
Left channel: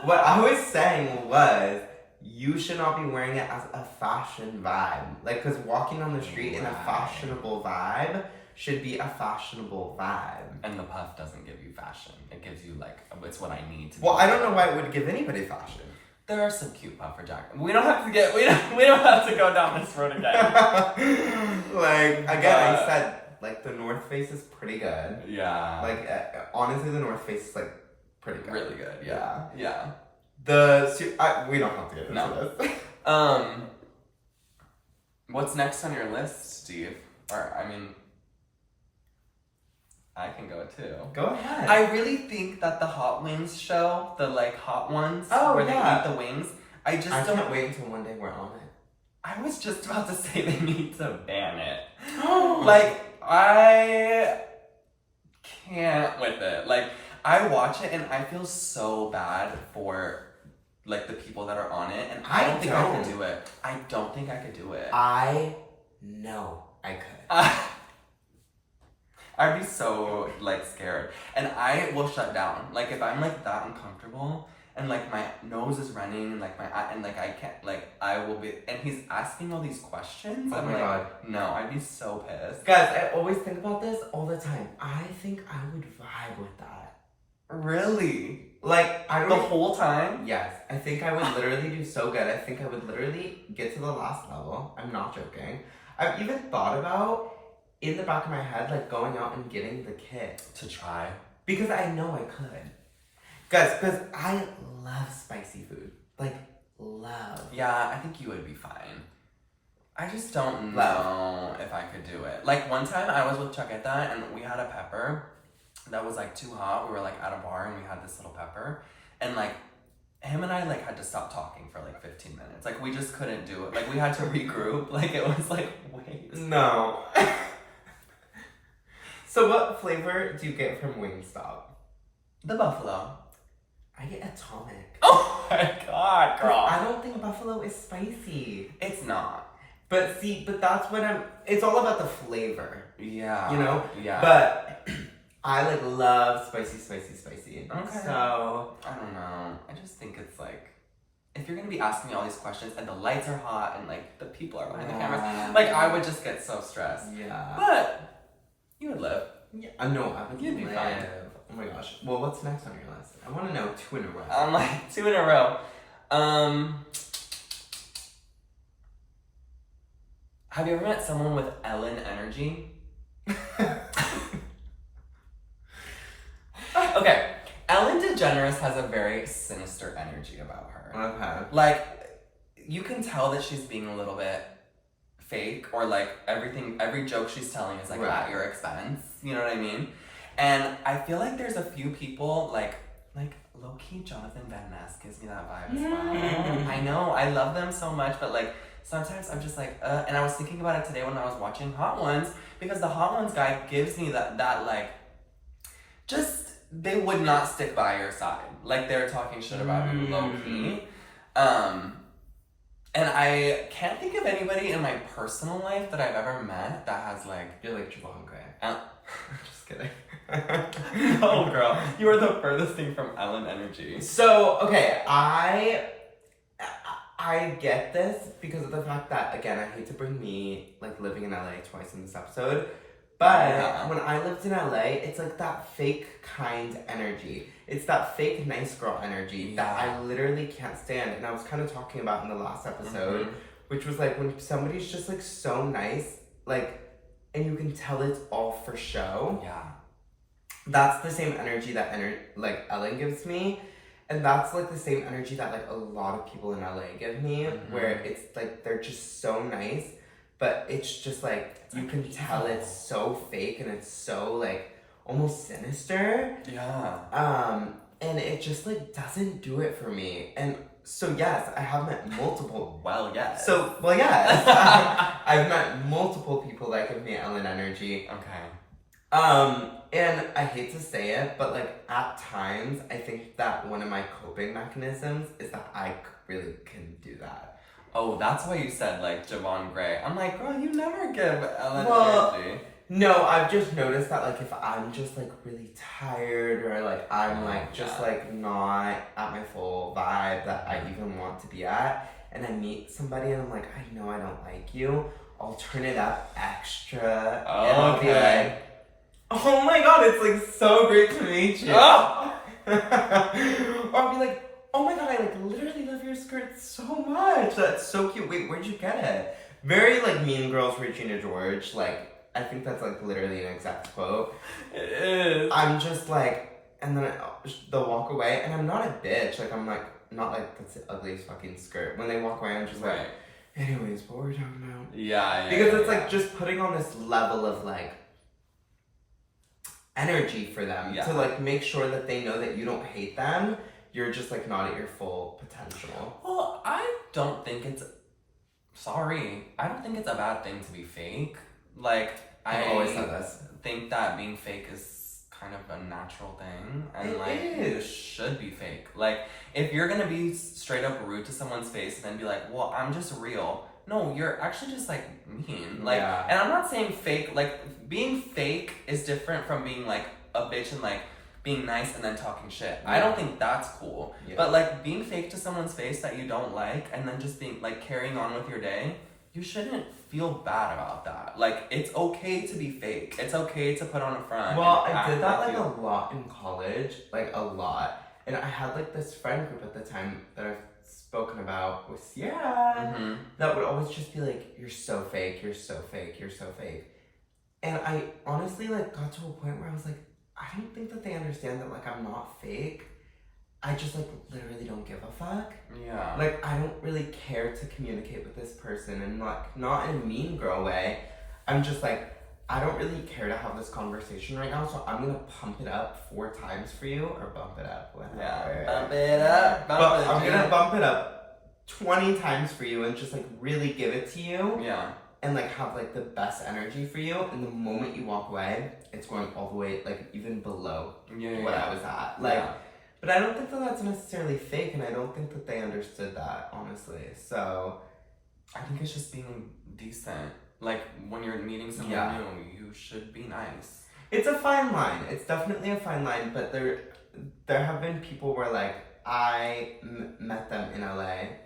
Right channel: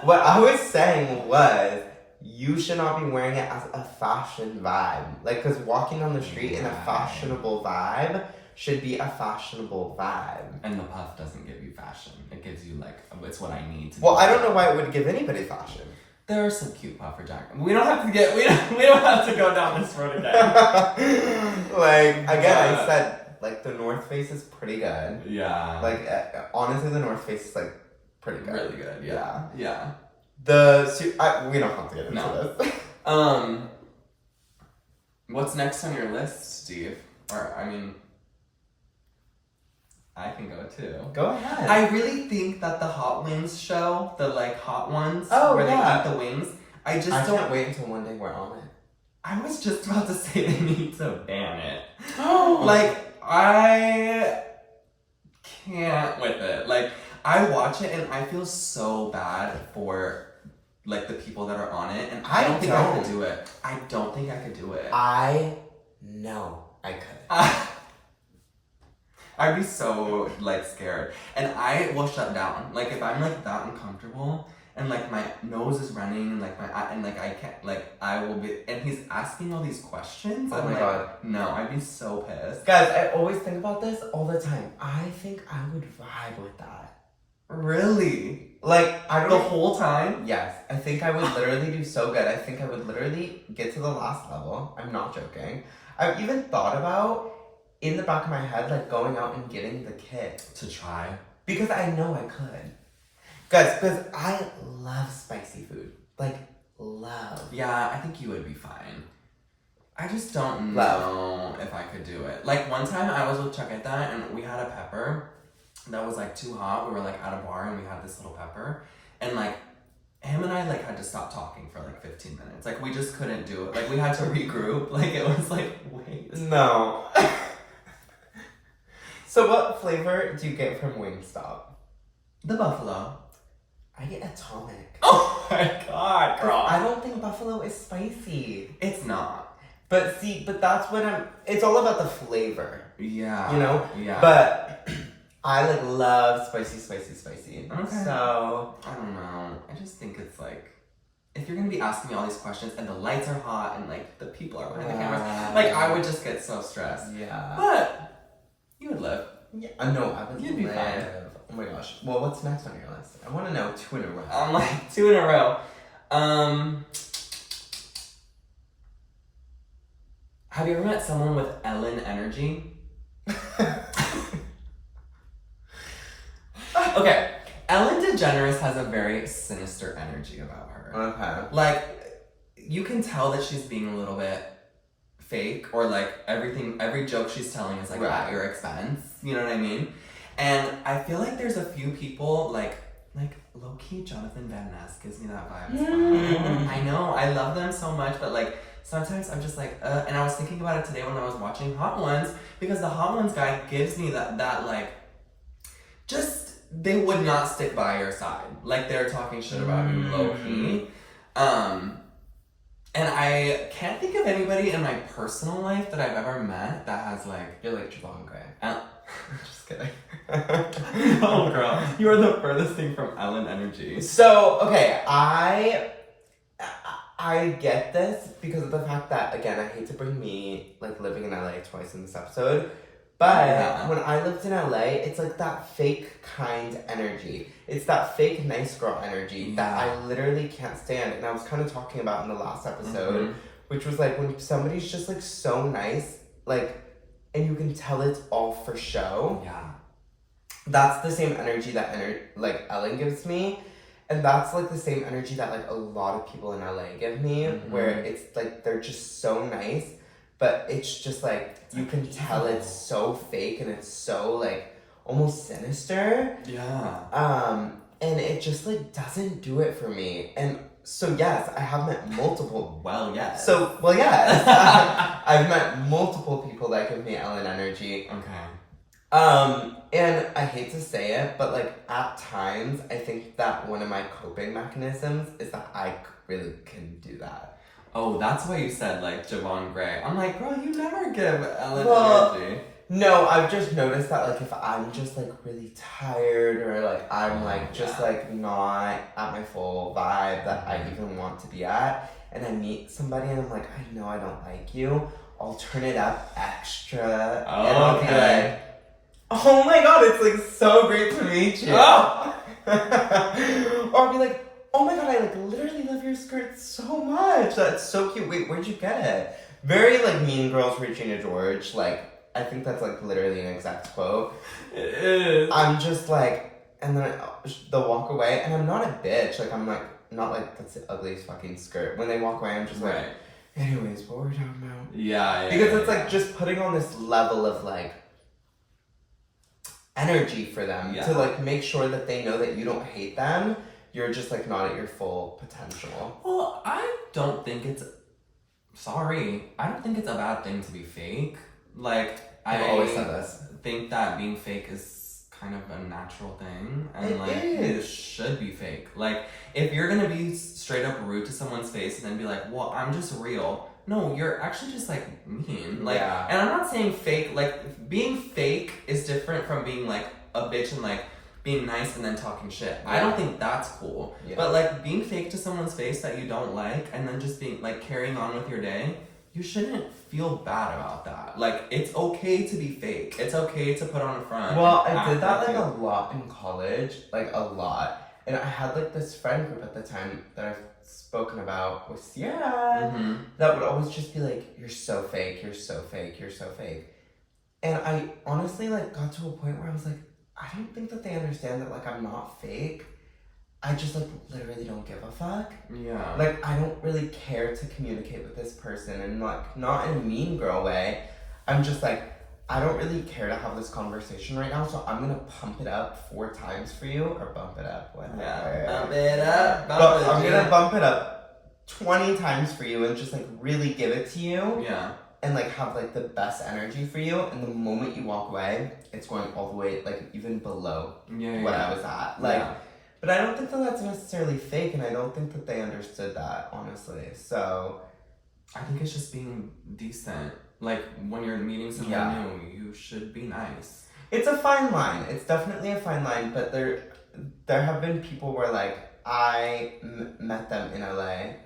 what I was saying was, you should not be wearing it as a fashion vibe. Like, because walking on the street in a fashionable vibe should be a fashionable vibe. And the puff doesn't give you fashion. It gives you, like, it's what I need to Well, I don't know why it would give anybody fashion. There are some cute puffer jackets. We don't have to go down this road again. Like, again, I said, like, the North Face is pretty good. Yeah. Like, honestly, the North Face is, like, pretty good. Really good, yeah. Yeah. We don't have to get into this. What's next on your list, Steve? Or, I mean, I can go too. Go ahead. I really think that the Hot Wings show, the like Hot Ones, where they eat the wings, I can't wait until one day we're on it. I was just about to say they need to ban it. Oh. Like, I can't with it. Like, I watch it and I feel so bad for like the people that are on it, and I don't think I could do it. I don't think I could do it. I know I could. I'd be so like scared, and I will shut down. Like if I'm like that uncomfortable, and like my nose is running, and like I can't, like I will be. And he's asking all these questions. Oh my God! No, I'd be so pissed. Guys, I always think about this all the time. I think I would vibe with that. Really? Like the whole time? Yes, I think I would literally do so good. I think I would literally get to the last level. I'm not joking. I've even thought about, in the back of my head, like going out and getting the kit. To try? Because I know I could. Guys, because I love spicy food. Like, love. Yeah, I think you would be fine. I just don't know if I could do it. Like, one time I was with Chaqueta and we had a pepper that was like too hot. We were like at a bar and we had this little pepper. And like, him and I like had to stop talking for like 15 minutes. Like, we just couldn't do it. Like, we had to regroup. Like, it was like, wait. No. So what flavor do you get from Wingstop? The buffalo. I get atomic. Oh my God, girl. I don't think buffalo is spicy. It's not. But that's what it's all about the flavor. Yeah. You know? Yeah. But I like love spicy. Okay. So I don't know. I just think it's like, if you're gonna be asking me all these questions and the lights are hot and like the people are behind the cameras, like I would just get so stressed. Yeah. But you would live. Yeah. No, I would You'd be fine. Oh my gosh. Well, what's next on your list? I want to know 2 in a row. I'm like 2 in a row. Have you ever met someone with Ellen energy? Okay, Ellen DeGeneres has a very sinister energy about her. Okay. Like, you can tell that she's being a little bit fake, or like every joke she's telling is like at your expense. You know what I mean? And I feel like there's a few people like low-key Jonathan Van Ness gives me that vibe as well. I know, I love them so much, but like sometimes I'm just like, and I was thinking about it today when I was watching Hot Ones, because the Hot Ones guy gives me that like, just, they would not stick by your side. Like, they're talking shit about you low-key. And I can't think of anybody in my personal life that I've ever met that has like, You're like Javaughn Gray. Just kidding. Oh, girl, you are the furthest thing from Ellen energy. So, okay, I get this because of the fact that, again, I hate to bring me, like, living in LA twice in this episode, but when I lived in LA, it's like that fake kind energy. It's that fake nice girl energy that I literally can't stand. And I was kind of talking about in the last episode, which was like when somebody's just like so nice, like, and you can tell it's all for show. Yeah. That's the same energy that like Ellen gives me. And that's like the same energy that like a lot of people in LA give me, where it's like they're just so nice, but it's just like you can tell it's so fake and it's so like almost sinister. Yeah. And it just like doesn't do it for me. And so yes, I have met multiple. Yes. I've met multiple people that give me Ellen energy. Okay. And I hate to say it, but like at times I think that one of my coping mechanisms is that I really can do that. Oh, that's why you said like Javaughn Gray. I'm like, girl, you never give Ellen energy. No, I've just noticed that like if I'm just like really tired or like I'm like just like not at my full vibe that I even want to be at, and I meet somebody and I'm like, I know I don't like you, I'll turn it up extra and I'll be like, oh my god, it's like so great to meet you. Or I'll be like, oh my god, I like literally love your skirt so much. That's so cute. Wait, where'd you get it? Very like Mean Girls Regina George. Like, I think that's like literally an exact quote. It is. I'm just like, and then they'll walk away, and I'm not a bitch. Like, I'm like, not like, that's the ugliest fucking skirt. When they walk away, I'm just like, anyways, what were we talking about? Because it's like just putting on this level of like energy for them to like make sure that they know that you don't hate them. You're just like not at your full potential. Well, I don't think it's a bad thing to be fake. Like, I've always said this. Think that being fake is kind of a natural thing, and you should be fake. Like, if you're gonna be straight up rude to someone's face and then be like, well, I'm just real. No, you're actually just like mean. Like, and I'm not saying fake, like being fake is different from being like a bitch and like being nice and then talking shit. I don't think that's cool. But like being fake to someone's face that you don't like and then just being like carrying on with your day, you shouldn't feel bad about that. Like, it's okay to be fake. It's okay to put on a front. Well, I did that like a lot in college, like a lot. And I had like this friend group at the time that I've spoken about with Sierra that would always just be like, you're so fake, you're so fake, you're so fake. And I honestly like got to a point where I was like, I don't think that they understand that like I'm not fake. I just like literally don't give a fuck. Yeah. Like, I don't really care to communicate with this person, and like not in a mean girl way. I'm just like, I don't really care to have this conversation right now, so I'm gonna pump it up 4 times for you, or bump it up, whatever. Yeah, bump it up. I'm gonna bump it up 20 times for you and just like really give it to you. Yeah. And like have like the best energy for you, and the moment you walk away, it's going all the way like even below what I was at. Like, but I don't think that that's necessarily fake, and I don't think that they understood that, honestly. So I think it's just being decent. Like, when you're meeting someone new, you should be nice. It's a fine line. It's definitely a fine line, but there have been people where like I met them in LA,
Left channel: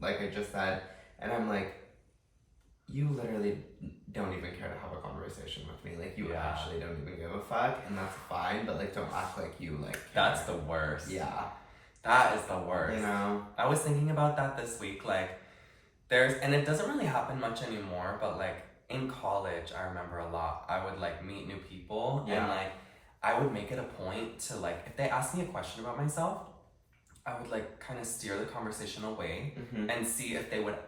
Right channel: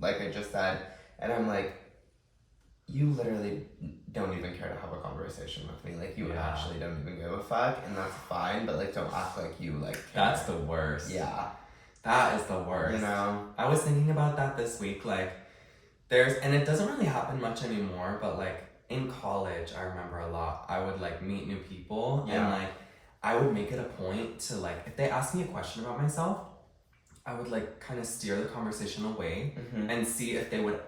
like I just said, and I'm like, you literally don't even care to have a conversation with me. Like, you actually don't even give a fuck, and that's fine, but like, don't act like you like care. That's the worst. Yeah. That is the worst. You know? I was thinking about that this week, like, and it doesn't really happen much anymore, but like, in college, I remember a lot, I would like meet new people, and like, I would make it a point to like, if they asked me a question about myself, I would like kind of steer the conversation away and see if they would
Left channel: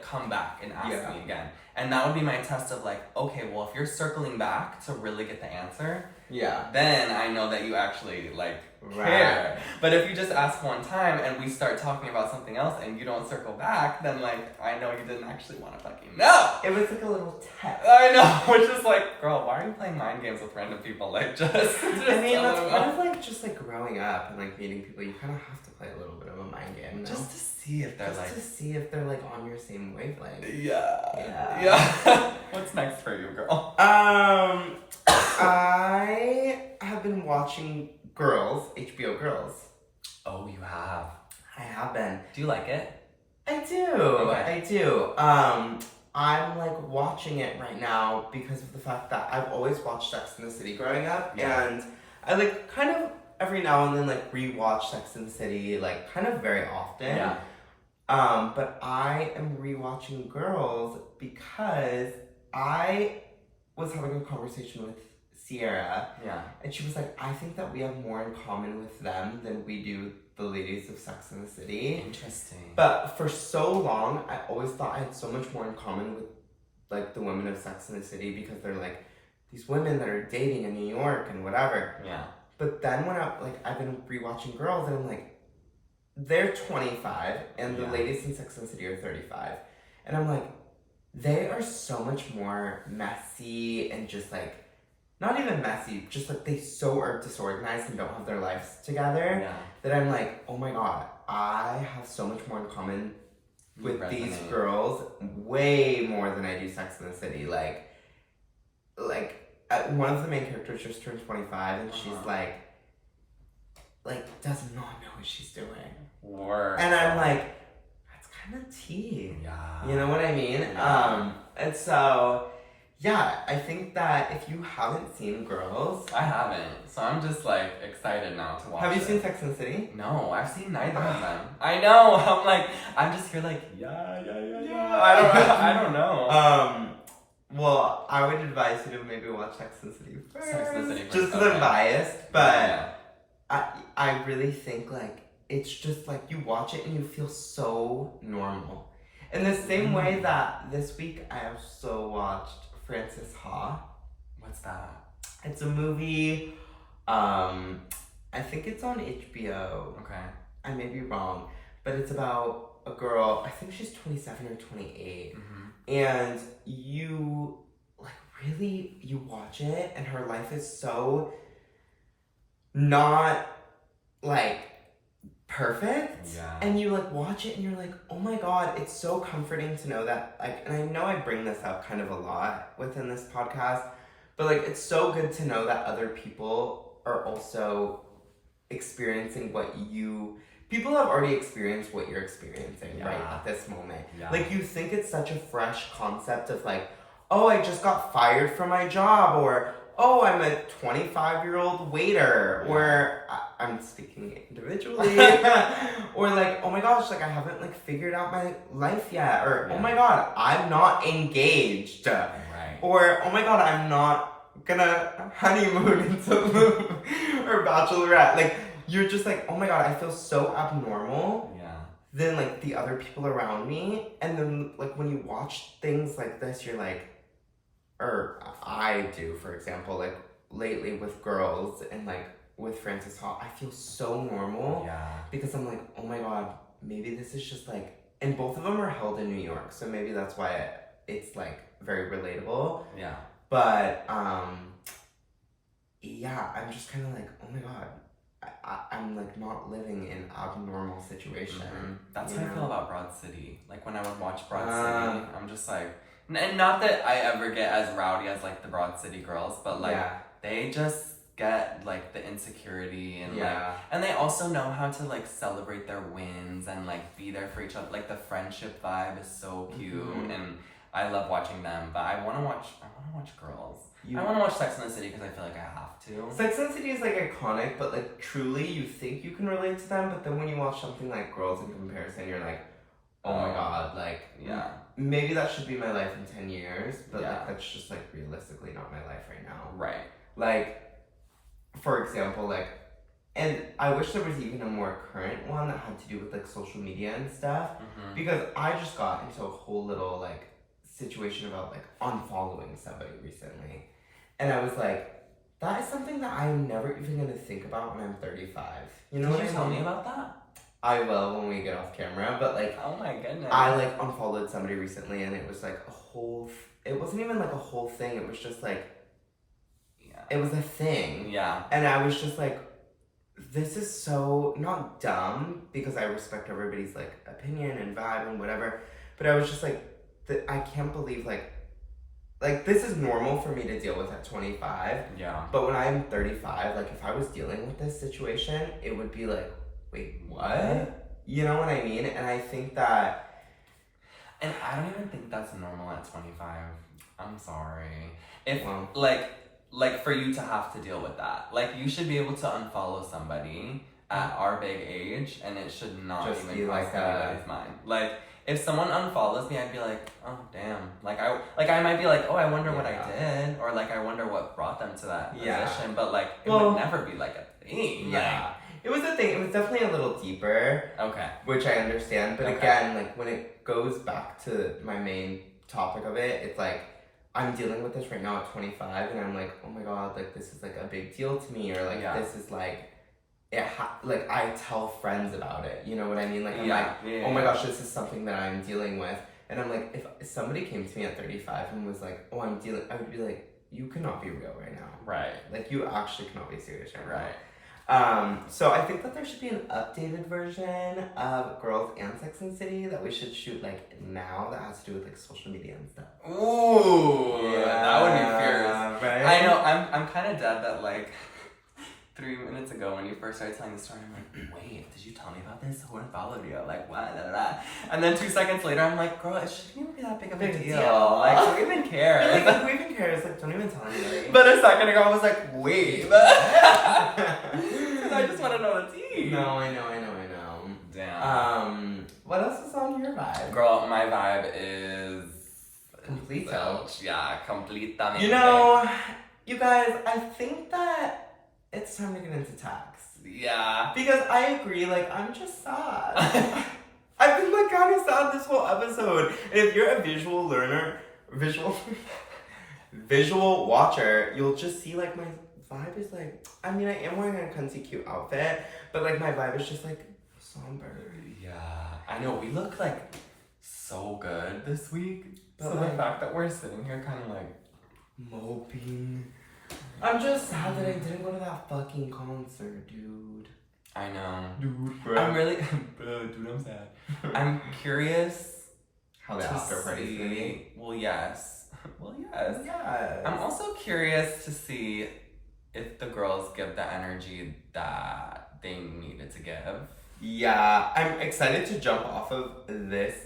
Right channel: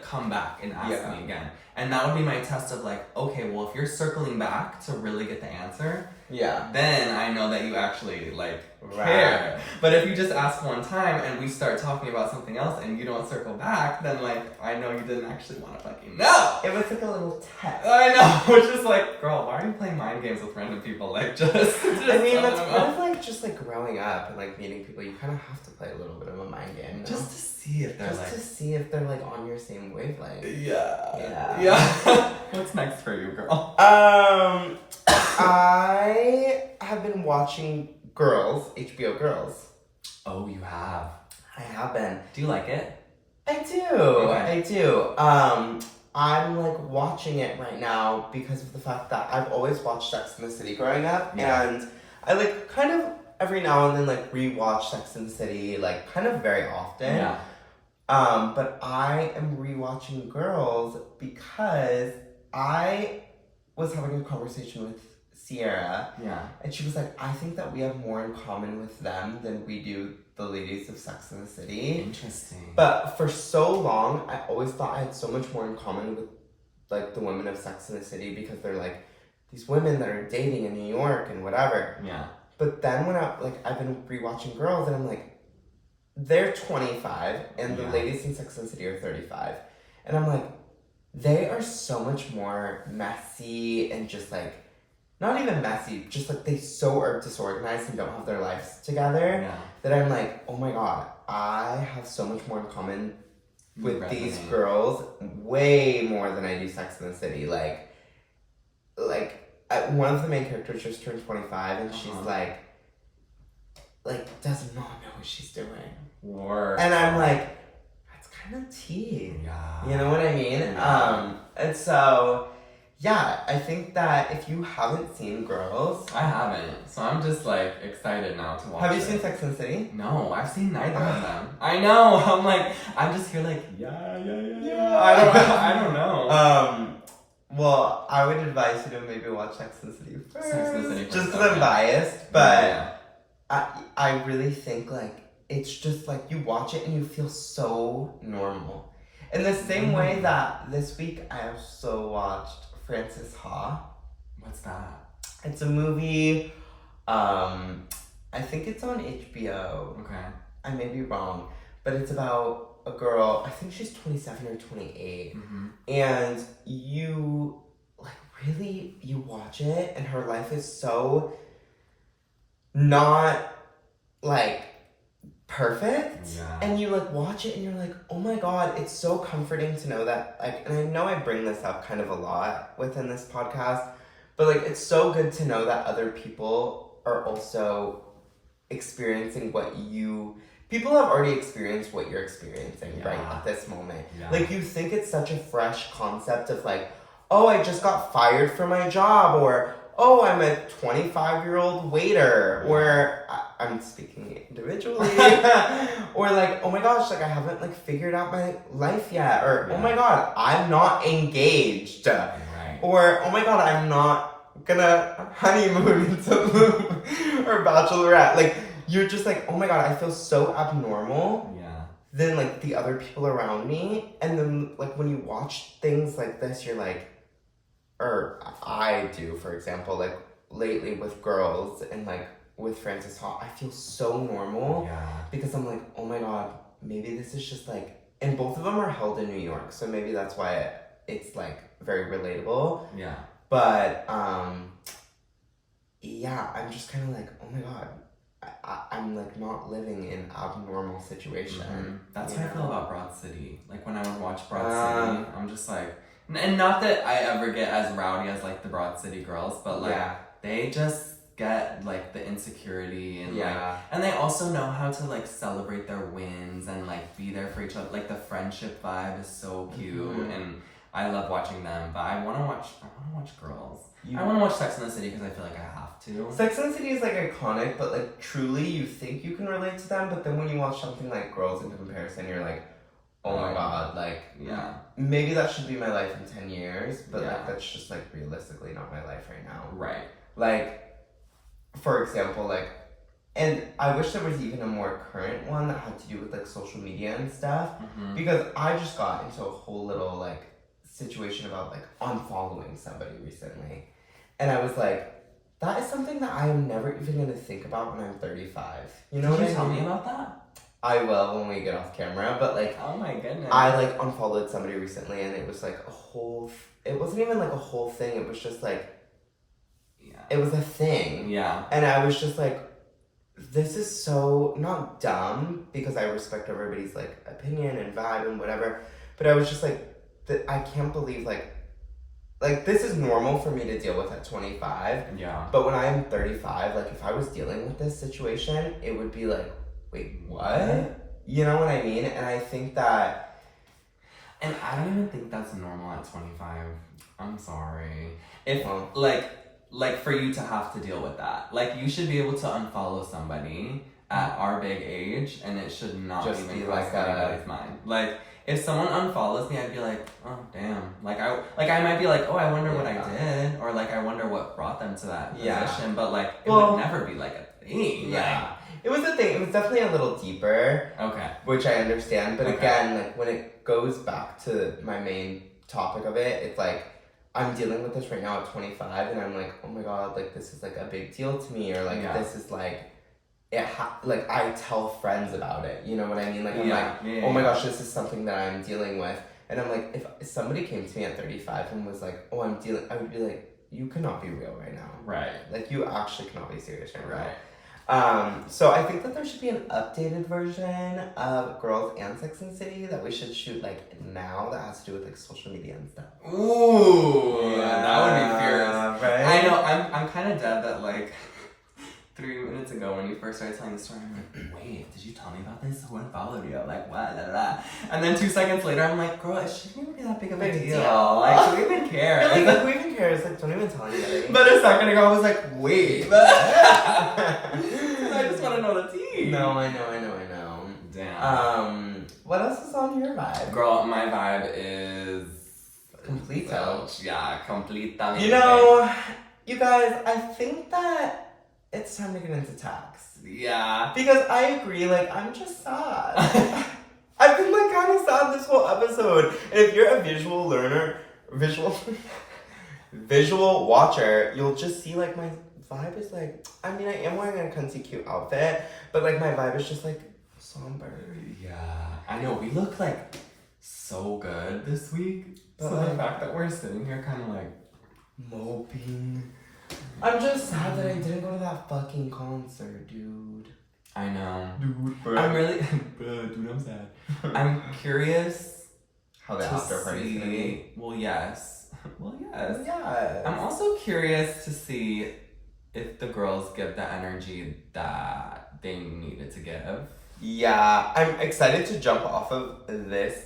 come back and ask me again. And that would be my test of like, okay, well, if you're circling back to really get the answer, then I know that you actually like care. But if you just ask one time and we start talking about something else and you don't circle back, then like I know you didn't actually want to fucking know. It was like a little test. I know, which is like, girl, why are you playing mind games with random people? Like just I mean, that's part of like just like growing up and like meeting people. You kind of have to play a little bit of a mind game, just to see if they're like on your same wavelength. Yeah. What's next for you, girl? I have been watching HBO Girls. Oh, you have? I have been. Do you like it? I do. Okay. I do. I'm like watching it right now because of the fact that I've always watched Sex and the City growing up, and I like kind of every now and then like rewatch Sex and the City like kind of very often. Yeah. But I am rewatching Girls because I was having a conversation with Sierra. Yeah. And she was like, I think that we have more in common with them than we do the ladies of Sex and the City. Interesting. But for so long, I always thought I had so much more in common with like the women of Sex and the City because they're like these women that are dating in New York and whatever. Yeah. But then when I've been rewatching Girls and I'm like, they're 25 and the ladies in Sex and the City are 35. And I'm like, they are so much more messy and just like, not even messy, just like they so are disorganized and don't have their lives together that I'm like, oh my God, I have so much more in common with these girls, way more than I do Sex and the City. Like one of the main characters just turned 25 and she's like does not know what she's doing. Word. And I'm like, that's kind of tea. Yeah. You know what I mean? Yeah. And so, yeah, I think that if you haven't seen Girls... I haven't. So I'm just like excited now to watch Have you seen Sex and the City? No, I've seen neither of them. I know. I'm just here like, yeah. I don't know. Well, I would advise you to maybe watch Sex and the City first. Sex and the City first. Just because I'm biased, but I really think like it's just like you watch it and you feel so normal. In the same way that this week I also watched Frances Ha. What's that? It's a movie. I think it's on HBO. Okay. I may be wrong, but it's about a girl. I think she's 27 or 28, and you watch it, and her life is so not like perfect, and you like watch it and you're like, oh my God, it's so comforting to know that like, and I know I bring this up kind of a lot within this podcast, but like it's so good to know that other people are also experiencing people have already experienced what you're experiencing right at this moment. Like you think it's such a fresh concept of like, oh, I just got fired from my job, or oh, I'm a 25-year-old waiter, or I'm speaking individually, or like, oh my gosh, like I haven't like figured out my life yet, or oh my God, I'm not engaged, or oh my God, I'm not gonna honeymoon in Tulum or bachelorette. Like you're just like, oh my God, I feel so abnormal than like the other people around me, and then like when you watch things like this, you're like, or I do, for example, like lately with Girls and like with Frances Ha, I feel so normal because I'm like, oh my God, maybe this is just like, and both of them are held in New York, so maybe that's why it's like very relatable. But I'm just kind of like, oh my God, I'm like not living in abnormal situation. That's how I feel about Broad City. Like when I would watch Broad City, I'm just like, and not that I ever get as rowdy as like the Broad City girls, but like they just get like the insecurity and like, and they also know how to like celebrate their wins and like be there for each other. Like the friendship vibe is so cute, and I love watching them. But I want to watch Girls. I want to watch Sex and the City because I feel like I have to. Sex and the City is like iconic, but like truly you think you can relate to them, but then when you watch something like Girls in comparison, you're like, oh my God, like maybe that should be my life in 10 years, but like that's just like realistically not my life right now. Right. Like, for example, like And I wish there was even a more current one that had to do with like social media and stuff. Mm-hmm. Because I just got into a whole little like situation about like unfollowing somebody recently. And I was like, that is something that I am never even gonna think about when I'm 35. You know Did what you I tell mean? me about that? I will when we get off camera, but like, oh my goodness. I like unfollowed somebody recently and it was like a whole, it wasn't even like a whole thing, it was just like, it was a thing. Yeah. And I was just like, this is so, not dumb, because I respect everybody's like opinion and vibe and whatever, but I was just like, I can't believe like this is normal for me to deal with at 25. Yeah. But when I'm 35, like if I was dealing with this situation, it would be like, wait, what? You know what I mean? And I think that... And I don't even think that's normal at 25. I'm sorry. If, Well, like for you to have to deal with that. Like you should be able to unfollow somebody at our big age and it should not just even be cross like anybody's mind. Like if someone unfollows me, I'd be like, oh damn. Like I might be like, oh, I wonder what I did, or like I wonder what brought them to that position. But like it would never be like a thing. Yeah. It was a thing. It was definitely a little deeper. Okay. Which I understand. But again, like when it goes back to my main topic of it, it's like I'm dealing with this right now at 25 and I'm like, oh my god, like this is like a big deal to me, or like this is like like I tell friends about it, you know what I mean? Like I'm oh my gosh, this is something that I'm dealing with. And I'm like, if somebody came to me at 35 and was like, oh, I'm dealing, I would be like, you cannot be real right now. Right. Like you actually cannot be serious right now. Right. So I think that there should be an updated version of Girls and Sex and the City that we should shoot like now that has to do with like social media and stuff. Ooh, that would be fierce. Right? I know, I'm kind of dead that like 3 minutes ago when you first started telling the story, I'm like, wait, did you tell me about this? Who unfollowed you? Like, what? Da, da, da. And then 2 seconds later, I'm like, girl, it shouldn't even be that big of a deal. Like, don't even care. Like, who even cares? Like, don't even tell anybody. But a second ago, I was like, wait. I just want to know the tea. No, I know. Damn. What else is on your vibe? Girl, my vibe is... Completo. Yeah, completamente. You know, you guys, I think that it's time to get into tax. Yeah. Because I agree, like, I'm just sad. I've been, like, kind of sad this whole episode. And if you're a visual learner, visual watcher, you'll just see, like, my vibe is, like, I mean, I am wearing a cunty cute outfit, but, like, my vibe is just, like, somber. Yeah. I know, we look, like, so good this week. But so like, the fact that we're sitting here kind of, like, moping. I'm just sad that I didn't go to that fucking concert, dude. I know. Dude, bro. I'm really... Bro, dude, I'm sad. I'm curious how the after party's gonna be. Well, yes. Well, yes. Yes. I'm also curious to see if the girls give the energy that they needed to give. Yeah, I'm excited to jump off of this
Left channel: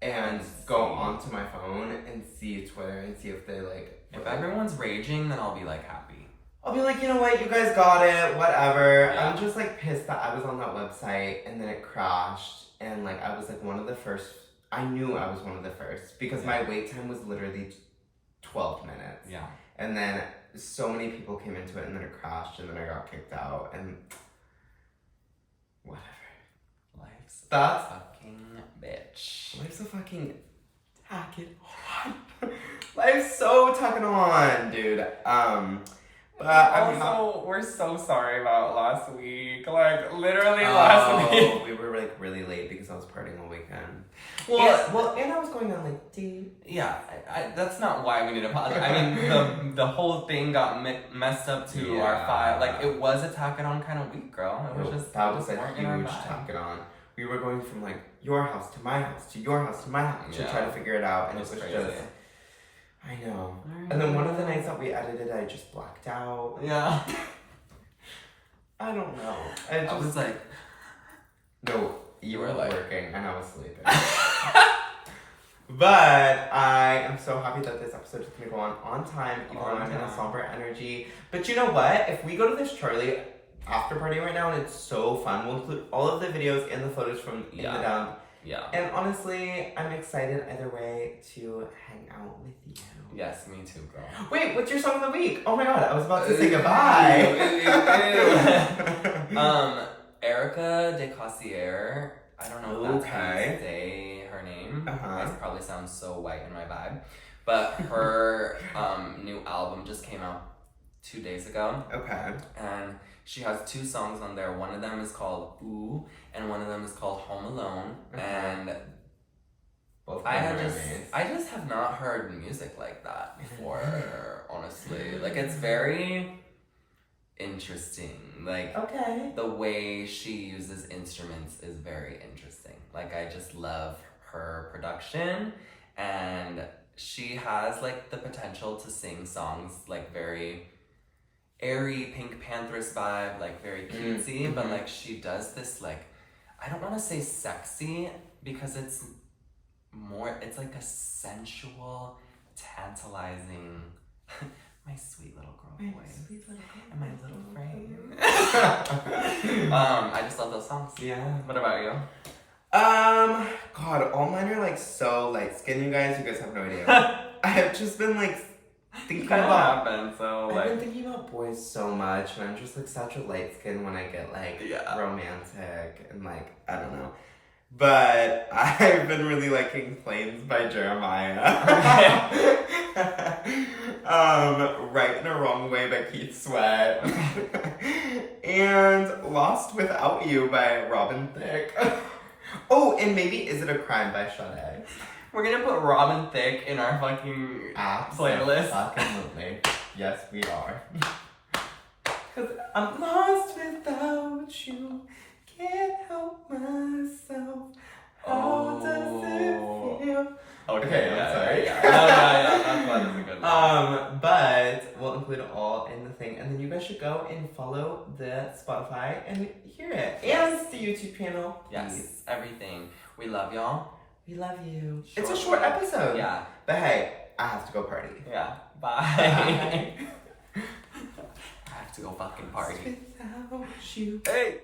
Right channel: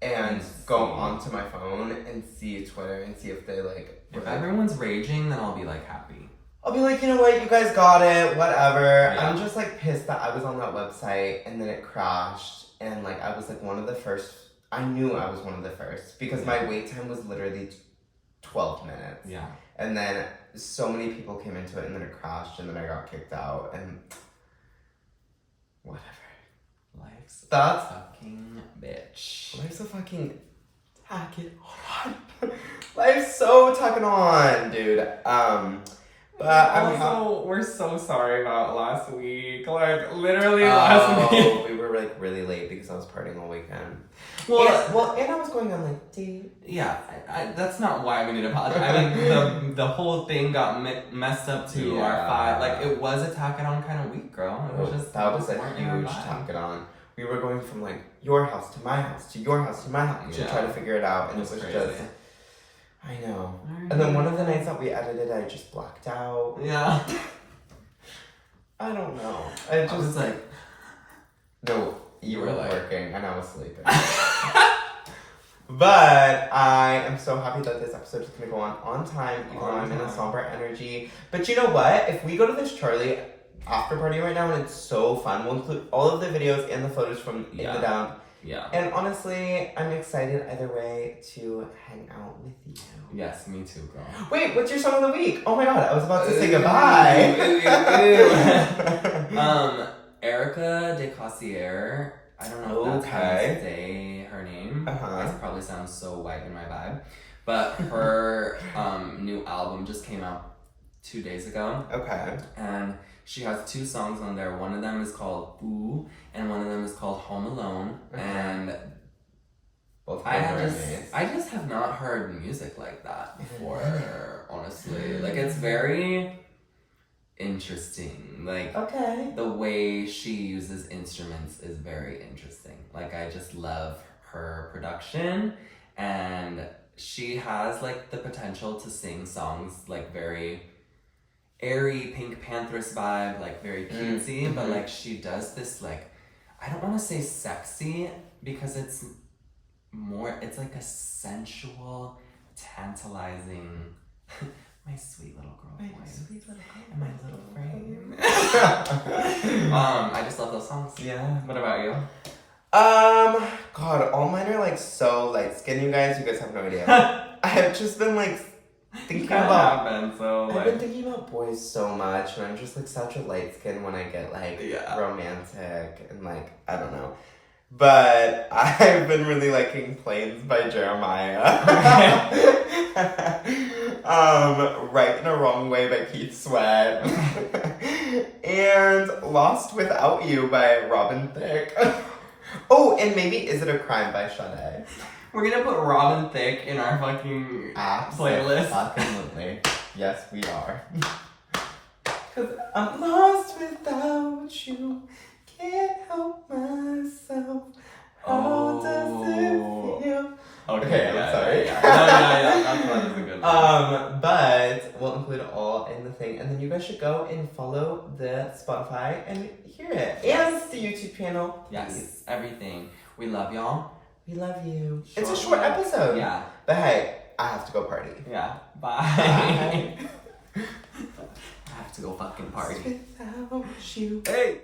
and go onto my phone and see Twitter and see if they like... If everyone's raging, then I'll be like happy. I'll be like, you know what, you guys got it, whatever. Yeah. I'm just like pissed that I was on that website and then it crashed and like I was like one of the first. I knew I was one of the first because my wait time was literally 12 minutes. Yeah. And then so many people came into it and then it crashed and then I got kicked out and whatever. Life's That's fucking bitch. Life's a fucking tack it on. Life's so tucking on, dude. But also, we're so sorry about last week. Like, literally last week. We were like really late because I was partying all weekend. Well, and I was going on like date. Yeah, that's not why we need to apologize. I mean, the whole thing got messed up to our 5. Like, it was a tack it on kind of week, girl. It was just that was a huge tack it on. We were going from like your house to my house to your house to my house to try to figure it out, and it was crazy. just. I know. And then one of the nights that we edited, I just blacked out. Yeah. I don't know. I was like... No, you were like... working and I was sleeping. But I am so happy that this episode is going to go on time, even though I'm in a somber energy. But you know what? If we go to this Charlie after party right now and it's so fun, we'll include all of the videos and the photos from in the dump Yeah. And honestly, I'm excited either way to hang out with you. Yes, me too, girl. Wait, what's your song of the week? Oh my god, I was about to say goodbye. Erica de Cossier. I don't know if that's how you say her name. It probably sounds so white in my vibe. But her new album just came out 2 days ago. Okay. And she has 2 songs on there. One of them is called Ooh, and one of them is called Home Alone. And I just have not heard music like that before, honestly. Like, it's very interesting. Like, the way she uses instruments is very interesting. Like, I just love her production, and she has, like, the potential to sing songs, like, very airy Pink Panthers vibe, like, very cutesy, but, like, she does this, like, I don't want to say sexy, because it's like a sensual, tantalizing, my sweet little girl voice. And my little frame. I just love those songs. Yeah. What about you? God, all mine are like so light skinned, you guys. You guys have no idea. I have just been like thinking about. I've been thinking about boys so much, and I'm just like such a light skin when I get like romantic and like I don't know. But I've been really liking Planes by Jeremiah. Right in a Wrong Way by Keith Sweat. And Lost Without You by Robin Thicke. Oh, and maybe Is It a Crime by Sade. We're gonna put Robin Thicke in our fucking playlist. Absolutely. Yes, we are. Cause I'm lost without you. Can't help myself. How does it feel? Okay, I'm sorry. Yeah. That is a good one. But we'll include it all in the thing, and then you guys should go and follow the Spotify and hear it, and the YouTube channel. Yes, please. Everything. We love y'all. We love you. It's a short episode. Yeah. But hey, I have to go party. Yeah. Bye. Bye. I have to go fucking party. Without you. Hey.